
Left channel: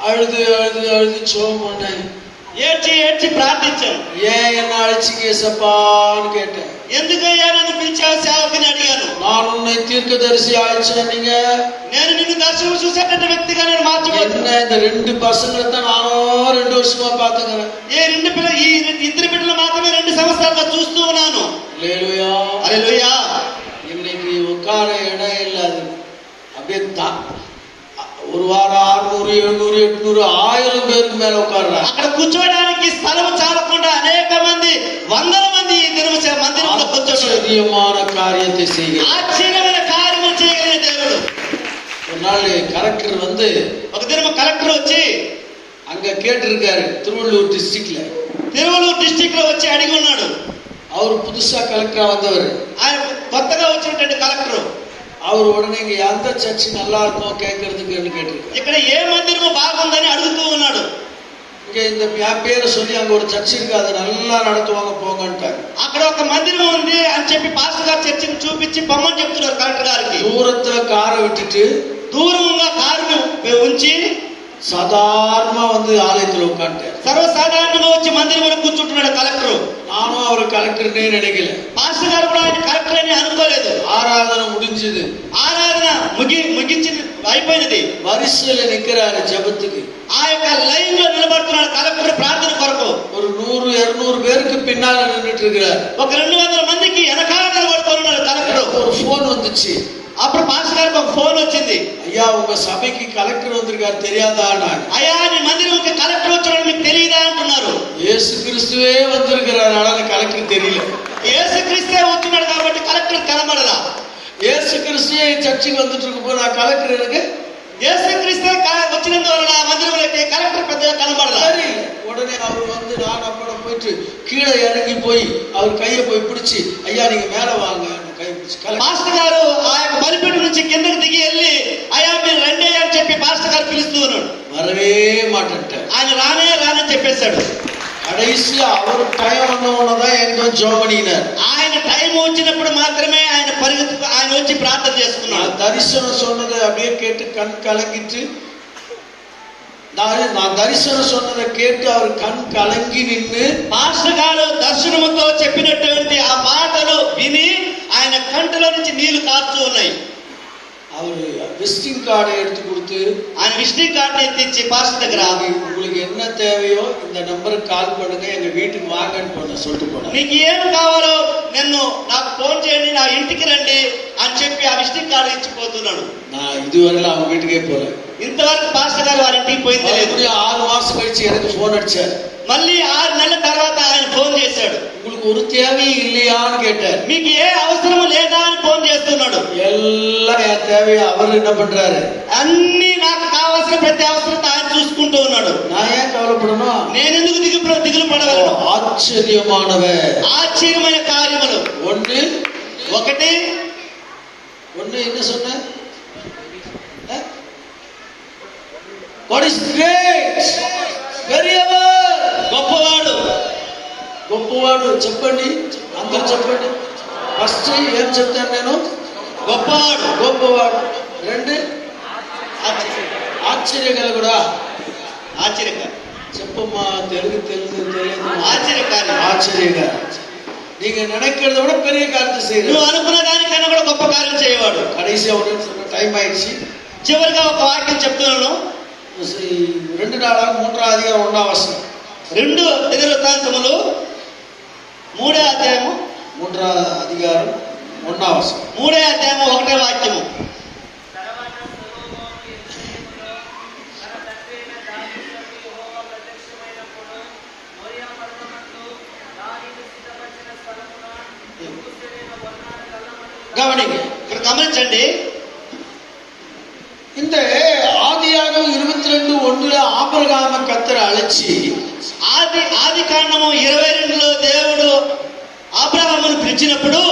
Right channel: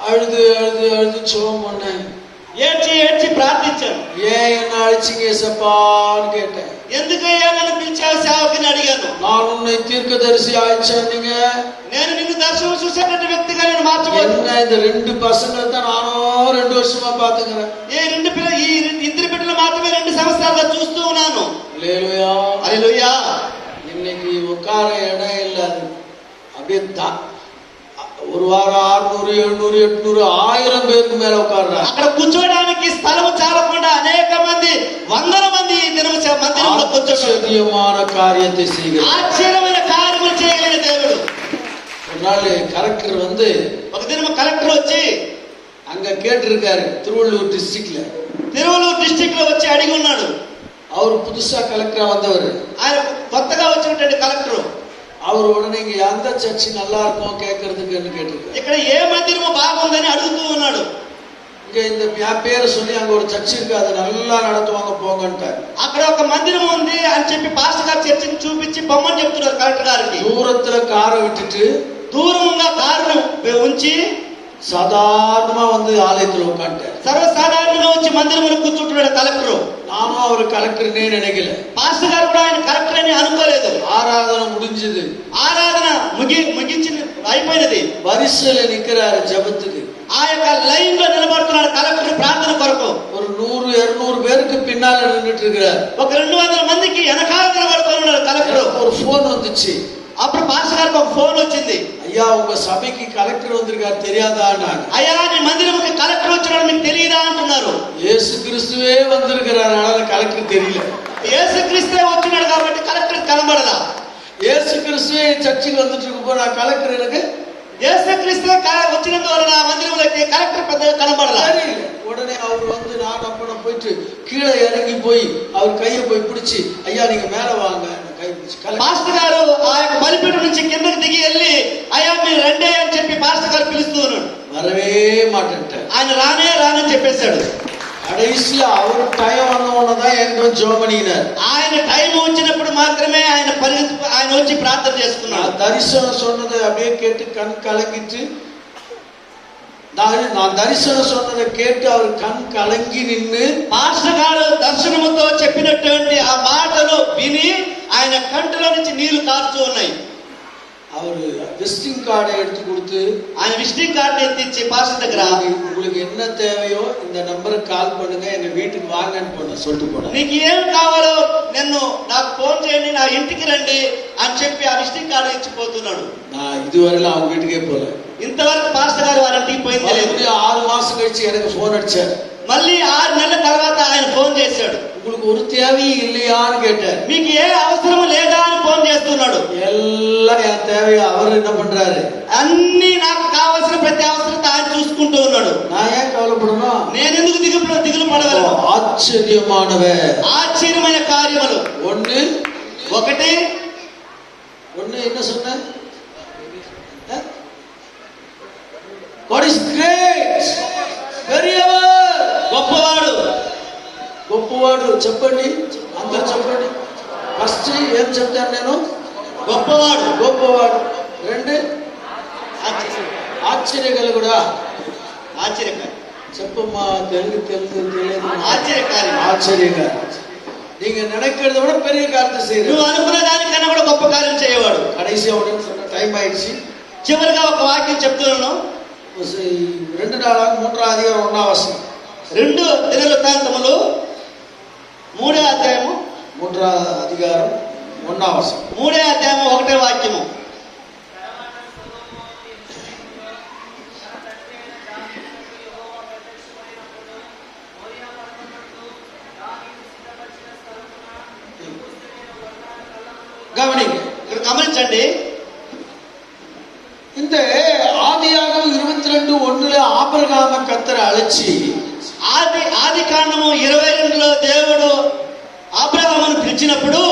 அழுது அழுது அழுது சோமனை ఏడ్చి ప్రార్థించాను. ஏன் என்ன அழைச்சிங்க ஏசப்பான்னு கேட்டேன். ఎందుకయ్యా నన్ను పిలిచావు సేవకుని అడిగాను. நான் உன்னை தீர்க்கதரிசி ஆயிச்சேன்னீங்க, నేను నిన్ను దర్శనం చూసేటట్టు వ్యక్తిగా నేను మార్చబోతున్నాను. என்ன இந்த ரெண்டு பசங்களை தான் நானும் 2 வருஷமா பாத்துக்கிறேன். ఈ ఇద్దరు బిడ్డలు మాత్రమే 2 సంవత్సరాలుగా చూస్తూ ఉన్నాను. அல்லேலூயா హల్లెలూయా. இன்னைக்கு உட்கார இடம் இல்லாது அப்படியே ஒரு வாரம் 600 700 800 1000 பேருக்கு மேல உட்கார்றாங்க. అక్కడ కూర్చోడానికి స్థలం చాలకుండా అనేక మంది, వందల మంది ఈ దినము మందిరంలో కూర్చోవచ్చు. ஆச்சரியமான காரியத்தை செய்கிறார். ఆశ్చర్యమైన కార్యములు చేయగలిగిన దేవుడు. ஒரு நாள் கலெக்டர் வந்து, ఒక దినము కలెక్టర్ వచ్చి அங்க கேட்டிருக்காரு, திருவள்ளூர் டிஸ்ட்ரிக்ட் లో వచ్చి అడిగి ఉన్నాడు. அவர் புதுசா கலெக்டரா வந்தவர், ఆయన కొత్తగా వచ్చినటువంటి కలెక్టర్. அவர் உடனே இங்க எந்த சர்ச்சு நல்லா இருக்கும் கேட்கறதுக்கு கேட்டிருக்காரு. ఇక్కడ ఏ మందిరము బాగుందని అడుగుతూ ఉన్నాడు. இங்க இந்த பேரை சொல்லி அங்க ஒரு சர்ச் இருக்கு, அதை நல்லா நடத்துவாங்க போங்கன்ட்டார். అక్కడ ఒక మందిరం ఉంది అని చెప్పి పాస్టర్ గారు చర్చిని చూపించి పొమ్మని చెప్తున్నారు కలెక్టర్ గారికి. தூரத்துல காரை விட்டுட்டு దూరంగా కారును ఉంచి சாதாரணமா வந்து ஆலயத்துல உட்காந்துட்டார். సర్వసాధారణంగా వచ్చి మందిరంలో కూర్చుంటున్నాడు కలెక్టర్. நானும் அவர் கலெக்டர்னே நினைக்கல. పాస్టర్ గారు కూడా ఆయన కలెక్టర్ అని అనుకోలేదు. ஆராதனை முடிஞ்சது, ఆరాధన ముగించింది, అయిపోయినది. வரிசையில நிக்கிறாரு ஜெபத்துக்கு. ఆ యొక్క లైన్ లో నిలబడుతున్నాడు కలెక్టర్ ప్రార్థన కొరకు. ஒரு 100 200 பேருக்கு பின்னால நின்றுட்டு இருக்கிறார். ఒక 200 మందికి వెనకాల నిలబడుతున్నాడు కలెక్టర్. ஒரு போன் வந்துச்சு. అప్పుడు పాస్టర్ గారికి ఒక ఫోన్ వచ్చింది. ஐயா உங்க சபைக்கு கலெக்டர் வந்திருக்காரு தெரியாதா? అయ్యా నీ మందిరంకి కలెక్టర్ వచ్చాడు మీకు తెలియదా అంటున్నారు. இயேசு கிறிஸ்துவே வந்திருக்கிறார், ஆனா கலெக்டர் தெரியல. యేసు క్రీస్తే వచ్చినాడు కాబట్టి కలెక్టర్ కనబడలా. இயேசு கிறிஸ்துவே சர்ச்சுக்கு வந்துட்டு இருக்கப்போ நான் கலெக்டர் எனக்கு యేసు క్రీస్తే వచ్చినందు వలన మందిరంలోకి కలెక్టర్ పెద్దగా కనబడలా. உடனே அவர் வந்து நான் அப்பட போயிட்டு கீழே இறங்கி போய் அவர் கையை போய் பிடிச்சி, ஐயா நீங்க மேல வாங்க, கை பிடிச்சி. పాస్టర్ గారు ఆ యొక్క బలిపీఠం నుంచి కిందకి దిగి వెళ్ళి, అయ్యా మీరు రండి అని చెప్పి పాస్టర్ గారు పిలుస్తూ ఉన్నాడు. வரவே மாட்டேன்ட்டார். ఆయన రానని చెప్పేశాడు. கடைசியா அவர் டைம் வந்தவனதான் எனக்கு ஜோமனினார். ఆయన టైం వచ్చినప్పుడు మాత్రమే ఆయన వచ్చి ప్రార్థన చేసుకున్నాడు. தரிசனம் சொன்னதை அப்படியே கேட்டு கண் கலங்கிட்டு, நான் தரிசனம் சொன்னதை கேட்டு அவர் கண் கலங்கி நின்று, పాస్టర్ గారు దర్శనముతో చెప్పినటువంటి ఆ మాటలు విని ఆయన కంటిలో నుంచి నీళ్లు కారుతూ ఉన్నాయి. அவர் விசிட்டிங் கார்டை எடுத்து கொடுத்து, ఆయన విజిటింగ్ కార్డు ఎత్తిచ్చి పాస్టర్ దగ్గర, உங்களுக்கு என்ன தேவையோ இந்த நம்பருக்கு கால் பண்ணுங்க, எங்க வீட்டுக்கு வாங்கன்னு சொல்லிட்டு போனார். నీకు ఏం కావాలో నాకు ఫోన్ చేయండి, నా ఇంటికి రండి అని చెప్పి ఆ విజిటింగ్ కార్డు ఇచ్చిపోతున్నాడు. நான் இதுவரையில அவங்க வீட்டுக்கே போல. ఇంతవరకు పాస్టర్ గారు వారి ఇంటికి పోయింది లేదు. 6 மாசம் கழிச்சு எனக்கு போன் அடிச்சார். మళ్ళీ 6 నెలల తర్వాత ఆయన ఫోన్ చేశాడు. உங்களுக்கு ஒரு தேவையும் இல்லையான்னு கேட்டார். మీకు ఏ అవసరం లేదా అని ఫోన్ చేస్తున్నాడు. எல்லாம் என் தேவையை அவர் என்ன பண்றாரு, అన్ని నాకు కావాల్సిన ప్రతి అవసరం ఆయన చూసుకుంటూ ఉన్నాడు. நான் ஏன் கவலைப்படணும், నేను ఎందుకు దిగులు పడగలను? ஆச்சரியமானவர், ఆశ్చర్యమైన కార్యములు. ఒకటి என்ன சொன்ன, God is great, பெரியவர், గొప్పవాడు చెప్పండి, అందరు చెప్పండి. ఫస్ట్ ఏం చెప్తాను నేను, గొప్పవాడు. 2 ఆశ్చర్యకలుగుడా, చెప్పుమా, తెలుగు తెలియదు. ఆశ్చర్యంగా நீங்க நினைக்கிறத விட பெரிய காரியத்தை செய்யணும். నువ్వు అనుకున్న దానికన్నా కూడా గొప్ప కార్యం చేయవాడు. கடைசியா டைம் ஆயிடுச்சு. చివరిగా ఒక వాక్యం చెప్తున్నాను. 2 నాలుగు 3 అధికారం 1వ వచనం. 2 దినవృత్తాంతములు 3వ అధ్యాయము 3వ అధికారం 1వ వచనం. 3వ అధ్యాయము 1వ వాక్యము. கவனிங்க, ఇక్కడ గమనించండి. இந்த ஆதியாகமம் అడిచి ఆది కాండము 22లో దేవుడు అబ్రహామును పిలిచినప్పుడు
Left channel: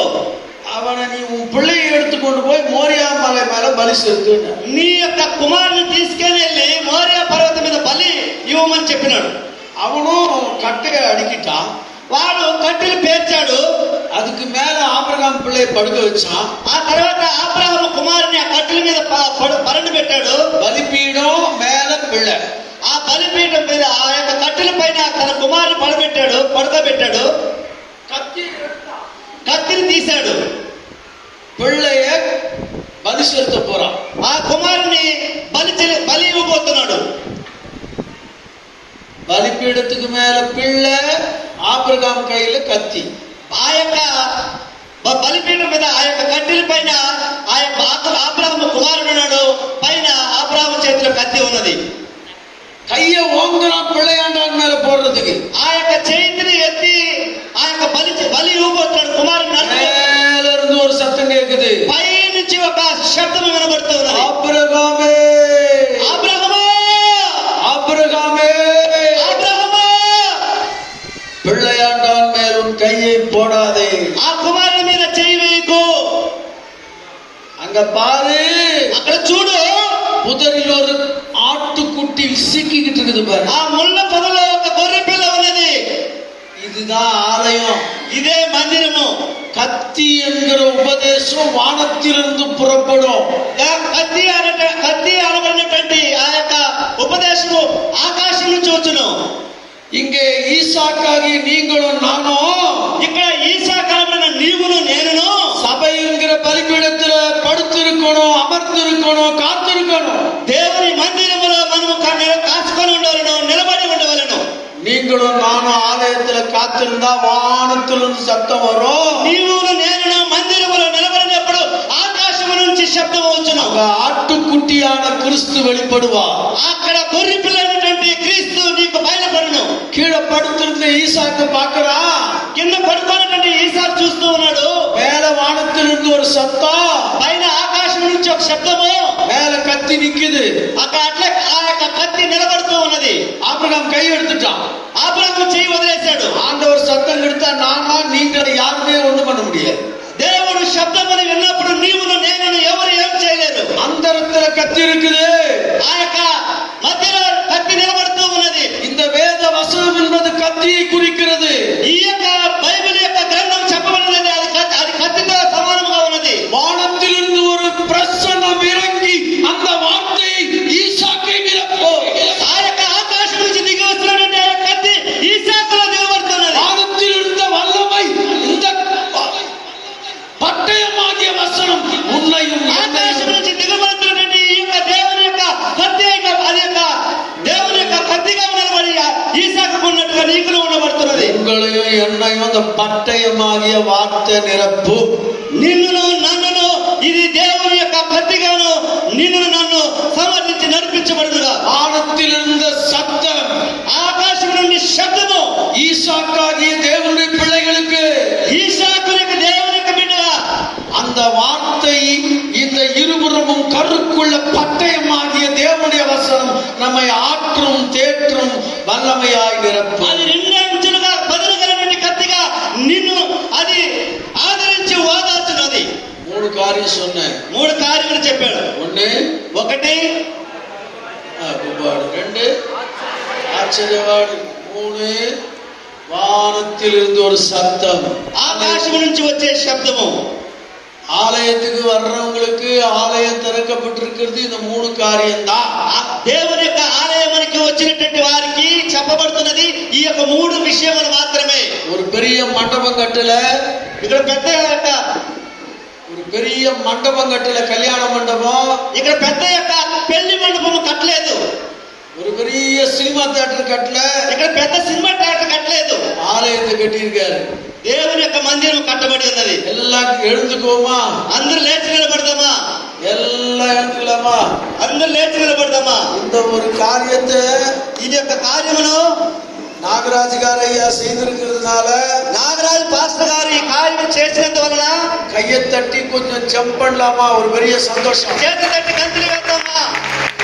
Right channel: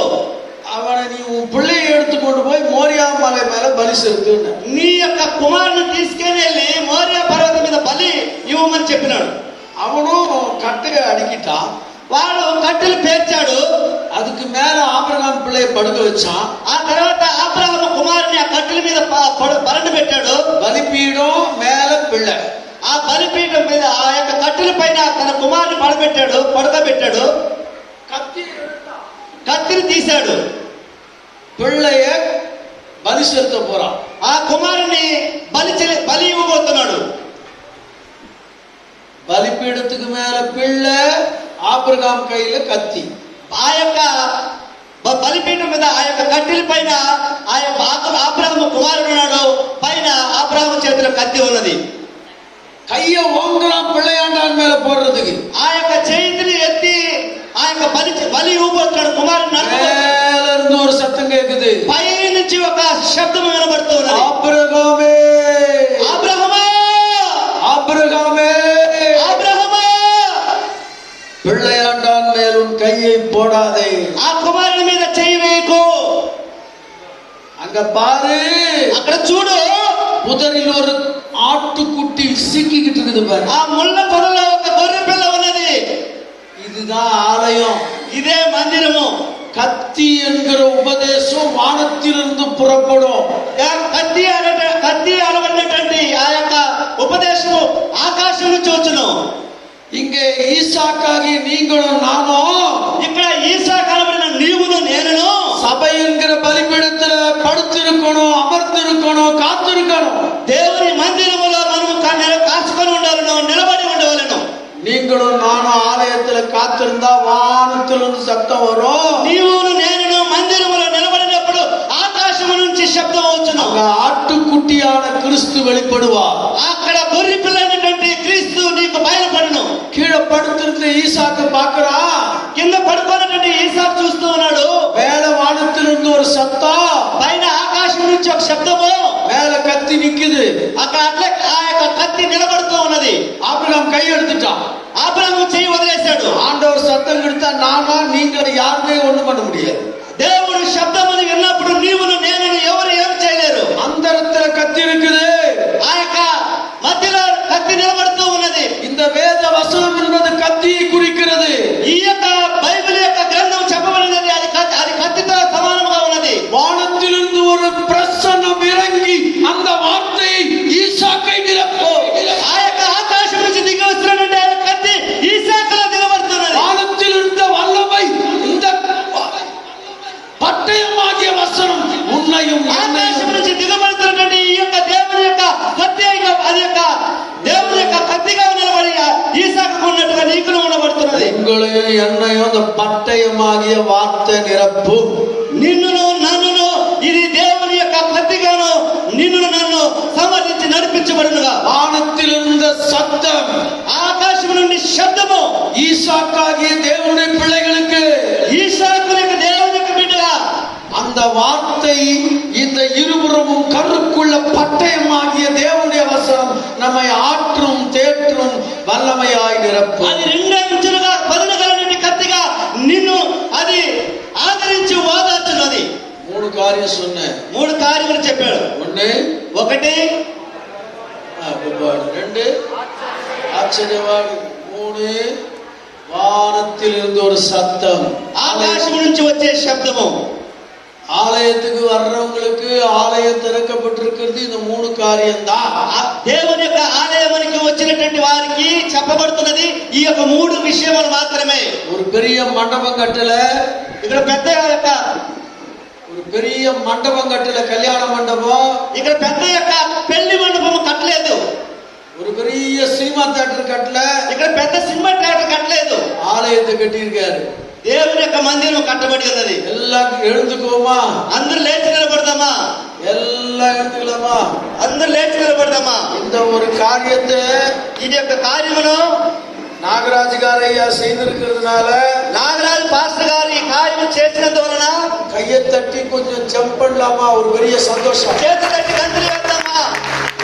அவனை நீ உன் பிள்ளையை எடுத்துக்கொண்டு போய் மோரியா மலை மேல பலி செலுத்துன. నీ యొక్క కుమారుని తీసుకొని వెళ్ళి మోరియా పర్వతం మీద బలి ఇవ్వమని చెప్పినాడు. அவனும் கட்டையை அடிக்கிட்டான். వాడు కట్టెలు పేర్చాడు. அதுக்கு மேல ஆபிரகாம் பிள்ளையை படுக்க வச்சான். ఆ తర్వాత అబ్రహాము కుమారుని ఆ కట్టెల మీద పరండు పెట్టాడు. బలిపీఠం మేల పిల్ల. ఆ బలిపీఠం మీద ఆ యొక్క కట్టెల పైన తన కుమారుని పడుకోబెట్టాడు. కత్తిని తీశాడు. పిల్లయ్య బలి సెలుత పోరాం. ఆ కుమారుని బలి ఇవ్వబోతున్నాడు. బలిపీఠத்துக்கு மேல పిల్ల, ఆబ్రహాం కైల కత్తి. ఆ యొక్క బలిపీఠం మీద ఆ యొక్క కట్టెల పైన ఆ యొక్క అబ్రహాము కుమారుడు ఉన్నాడు. పైన అబ్రహాము చేతిలో కత్తి ఉన్నది. கைய ஓங்குறான் பிள்ளையாண்டான் மேல போடுறதுக்கு. ఆ యొక్క చేతిని ఎత్తి ఆ యొక్క బలి ఇవ్వబోతున్నాడు. కుమారుడు மேல இருந்து ஒரு சத்தம் கேக்குது. పై నుంచి ఒక శబ్దం వినబడుతూ ఉన్నది. ஆபிரகாமே, అబ్రహామా, ஆபிரகாமே, అబ్రహామా, பிள்ளையாண்டான் மேல் உன் கையை போடாதே. ఆ కుమారుని మీద చెయ్యి వేయకు. அங்க பாரு, అక్కడ చూడు, புதரில் ஒரு ஆட்டுக்குட்டி சிக்கிக்கிட்டு இருக்குது பாரு. ఆ ముళ్ళ పొదలో ఒక గొర్రె పిల్ల ఉన్నది. இதுதான் ஆலயம். ఇదే మందిరము. கத்தி என்கிற உபதேசம் வானத்திலிருந்து புறப்படும். కత్తి అనబడినటువంటి ఆ యొక్క ఉపదేశము ఆకాశం నుంచి వచ్చును. இங்கே ஈசாக்காகி நீங்களும் நானும், ఇక్కడ ఈసా కనబడిన నీవును నేనును சபை என்கிற பலிபீடத்துல படுத்திருக்கணும், அமர்ந்திருக்கணும், காத்திருக்கணும். దేవుని మందిరములో మనము కాచుకొని ఉండవలను, నిలబడి ఉండవలను. நீங்களும் நானும் ஆலயத்துல காத்திருந்தா வானத்திலிருந்து சத்தம் வரும். నీవును నేనును మందిరములో నిలబడినప్పుడు ఆకాశము నుంచి శబ్దం వచ్చును. ஆட்டுக்குட்டியான கிறிஸ்து வெளிப்படுவார். అక్కడ గొర్రె పిల్ల అయినటువంటి క్రీస్తు నీకు బయలుపడును. கீழே படுத்திருந்த ஈசாக்கு பாக்குறா, కింద పడుకోనటువంటి ఈసాకు చూస్తూ ఉన్నాడు. மேல வானத்திலிருந்து ஒரு சத்தம், పైన ఆకాశం నుంచి ఒక శబ్దము, மேல கத்தி நிக்குது. అట్లా ఆ యొక్క కత్తి నిలబడుతూ ఉన్నది. ஆபிரகாம் கை எடுத்துட்டான். అబ్రహాము చెయ్యి వదిలేశాడు. ஆண்டவர் சத்தம் எடுத்தா நானா நீங்கள் யாருமே ஒண்ணு பண்ண முடியாது. దేవుడు శబ్దమును విన్నప్పుడు నీవును నేనును ఎవరు ఏం చేయలేరు. அந்தரத்துல கத்தி இருக்குது. ఆ యొక్క మధ్యలో కత్తి నిలబడుతూ ఉన్నది. இந்த வேத வசனம் என்பது கத்தியை குறிக்கிறது. ఈ యొక్క బైబిల్ యొక్క గ్రంథం చెప్పబడినది అది కత్తితో సమానంగా ఉన్నది. வானத்திலிருந்து ஒரு பிரசன்னம் இறங்கி அந்த வார்த்தையை ஈசாக்கை நிரப்போ. ఆ యొక్క ఆకాశం నుంచి దిగి వస్తున్నటువంటి కత్తి ఈసాకులో దిగబడుతున్నది. வானத்தில் இருந்த வல்லமை இந்த பட்டயமாகிய வசனம் உன்னையும் ఆకాశం నుంచి దిగబడుతున్నటువంటి ఈ యొక్క దేవుని యొక్క కత్తి అది యొక్క దేవుని యొక్క కత్తిగా నిలబడి ఈసాకు ఉన్నట్టుగా నీకును ఉండబడుతున్నది. உங்களையும் என்னையும் அந்த பட்டயமாகிய வார்த்தை நிரப்பு. నిన్నును నన్నును ఇది దేవుని యొక్క కత్తిగాను నిన్ను నన్ను సమర్థించి నడిపించబడునుగా. வானத்தில் இருந்த சத்தம், ఆకాశం నుండి శబ్దము ஈசாக்காகிய தேவனுடைய பிள்ளைகளுக்கு, ఈసాకు యొక్క దేవుని యొక్క బిడ్డగా அந்த வார்த்தை இந்த இருபுறமும் கருக்குள்ள பட்டயமாகிய தேவனுடைய வசனம் நம்மை ஆற்றும் தேற்றும் வல்லமையாய் நிரப்பும். అది రెండంచులుగా పదులుగలటువంటి కత్తిగా నిన్ను అది ఆదరించి ఓదార్చున్నది. மூணு காரியம் சொன்னேன். 3 కార్యములు చెప్పాడు. ஒண்ணு, 1 கும்பாடு. 2 ஆச்சரியவாடு. 3 வானத்தில் இருந்து ஒரு சத்தம், ఆకాశం నుంచి వచ్చే శబ్దము. ஆலயத்துக்கு வர்றவங்களுக்கு ஆலயம் திறக்கப்பட்டிருக்கிறது இந்த 3 காரியம்தான். దేవుని యొక్క ఆలయానికి వచ్చినటువంటి వారికి చెప్పబడుతున్నది ఈ యొక్క 3 విషయములు మాత్రమే. ஒரு பெரிய மண்டபம் கட்டல, ఇక్కడ పెద్ద యొక్క ஒரு பெரிய மண்டபம் கட்டல, கல்யாண மண்டபம். ఇక్కడ పెద్ద యొక్క పెళ్లి మండపము కట్టలేదు. ஒரு பெரிய சினிமா தியேட்டர் கட்டல, ఇక్కడ పెద్ద సినిమా థియేటర్ కట్టలేదు. ஆலயத்தை கட்டியிருக்காரு. దేవుని యొక్క మందిరం కట్టబడి ఉన్నది. எல்லாம் எழுந்துக்கோமா, అందరూ లేచి నిలబడదామా, எல்லாம் எழுந்துக்கலாமா. అందరూ లేచి నిలబడదామా. இந்த ஒரு காரியத்தை ఇది యొక్క కార్యమును நாகராஜ் గారు ஐயா செய்திருக்கிறதுனால, నాగరాజు పాస్టర్ గారు ఈ కార్యము చేసినందువలన கையை தட்டி கொஞ்சம் ஜம்ப் பண்ணலாமா, ஒரு பெரிய சந்தோஷம். చేతి తట్టి గంతులు వేద్దామా,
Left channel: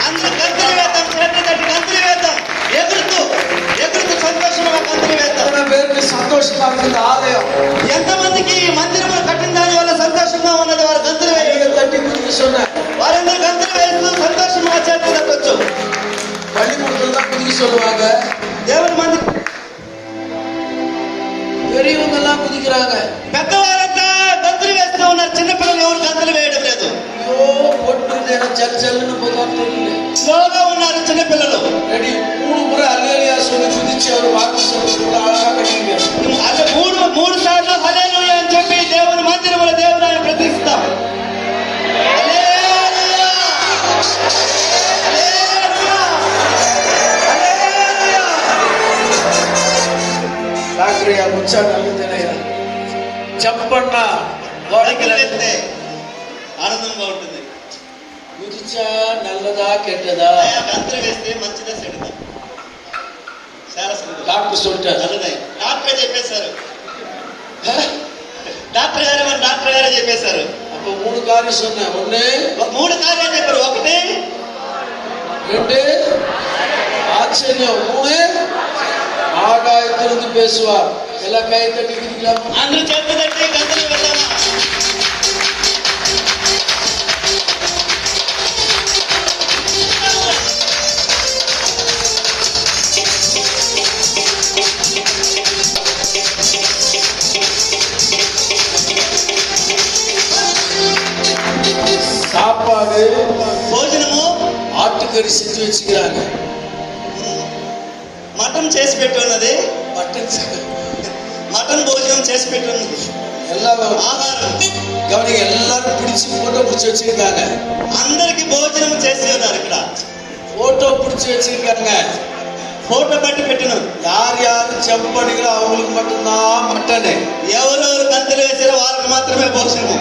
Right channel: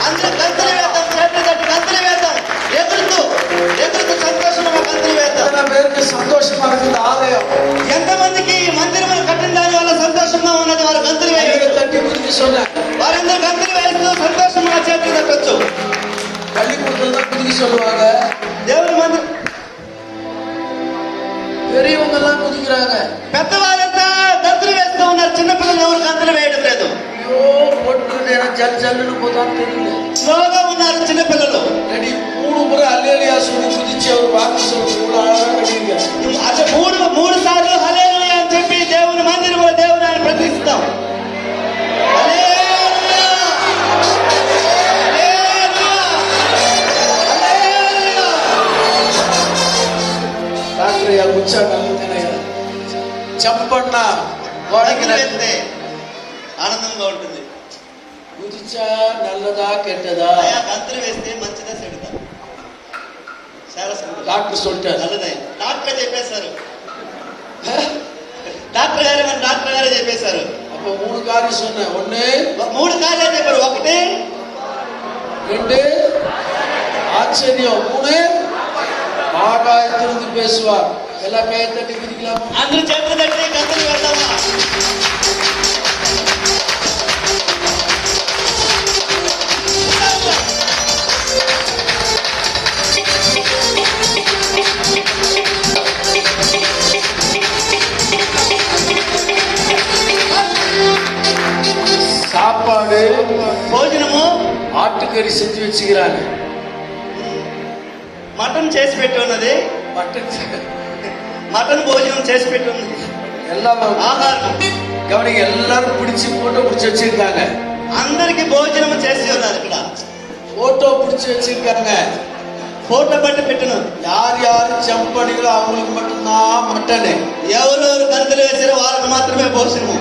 అందరూ గంతులు వేద్దాం, చేతి తట్టి గంతులు వేద్దాం, ఎగురుతూ தட்டி குதிக்க சொன்னேன். వారందరూ గంతులు వేస్తూ సంతోషంగా చేతులు తట్టొచ్చు. பள்ளிக்கூடத்துல தான் குதிக்க சொல்லுவாங்க. దేవుని మందిరం பெரியவங்க தான் குதிக்கிறாங்க. పెద్దవారంతా గంతులు వేస్తూ ఉన్నారు, చిన్నపిల్లలు ఎవరు గంతులు వేయడం లేదు. ஐயோ போட்டு ஜல்லுன்னு போதான் தெரியல. స్లోగా ఉన్నారు చిన్నపిల్లలు. ரெடி 3 முறை அல்லேலூயா சொல்லி குதிச்சு அவர் வாக்கு சொல்லி அழகா கட்டிங்க. అదే మూడు సార్లు హల్లెలూయా అని చెప్పి దేవుని మందిరంలో దేవుని ప్రతిష్ఠిస్తాం. డాక్టర్ గారు వచ్చాడు నల్లదనయ్య. చెప్పన్నా గంతులు వేస్తే ఆనందంగా ఉంటుంది. కుదిచా నల్లదా కెట్టదా? అయ్యా గంతులు వేస్తే మంచిదా చెడుదా? చాలా సులువు. డాక్టర్ சொல்லிட்டாரு. నల్లదే డాక్టర్ చెప్పేశారు. డాక్టర్ గారే చెప్పేశారు. அப்ப 3 காரியம் சொன்னேன். 1 3 కార్యాలు చెప్పారు. 1 2 ஆச்சரியம், 3 ஆகாயத்திலிருந்து பேசுவார். எல்லாம் கை தட்டி குதிக்கலாமா? అందరూ చేతులు తట్టి గంతులు వెళ్దామా? சாப்பாடு భోజనము ஆட்டுக்கறி செஞ்சு வச்சுக்கிறாங்க. మటన్ చేసి పెట్టి ఉన్నది. మటన్ భోజనం చేసి పెట్టి ఉన్నది. எல்லாம் ఆహారం கவனிங்க, எல்லாரும் பிடிச்சு போட்டோ பிடிச்சு வச்சிருக்காங்க. అందరికి భోజనం చేసి ఉన్నారు. ఇక్కడ போட்டோ பிடிச்சு வச்சிருக்காங்க. ఫోటో పట్టి పెట్టినారు. யார் யாரு ஜம்ப் பண்ணிக்கிறோ அவங்களுக்கு மட்டும்தான் மட்டனு. ఎవరెవరు గంతులు వేసారో వాళ్ళకి మాత్రమే భోజనము.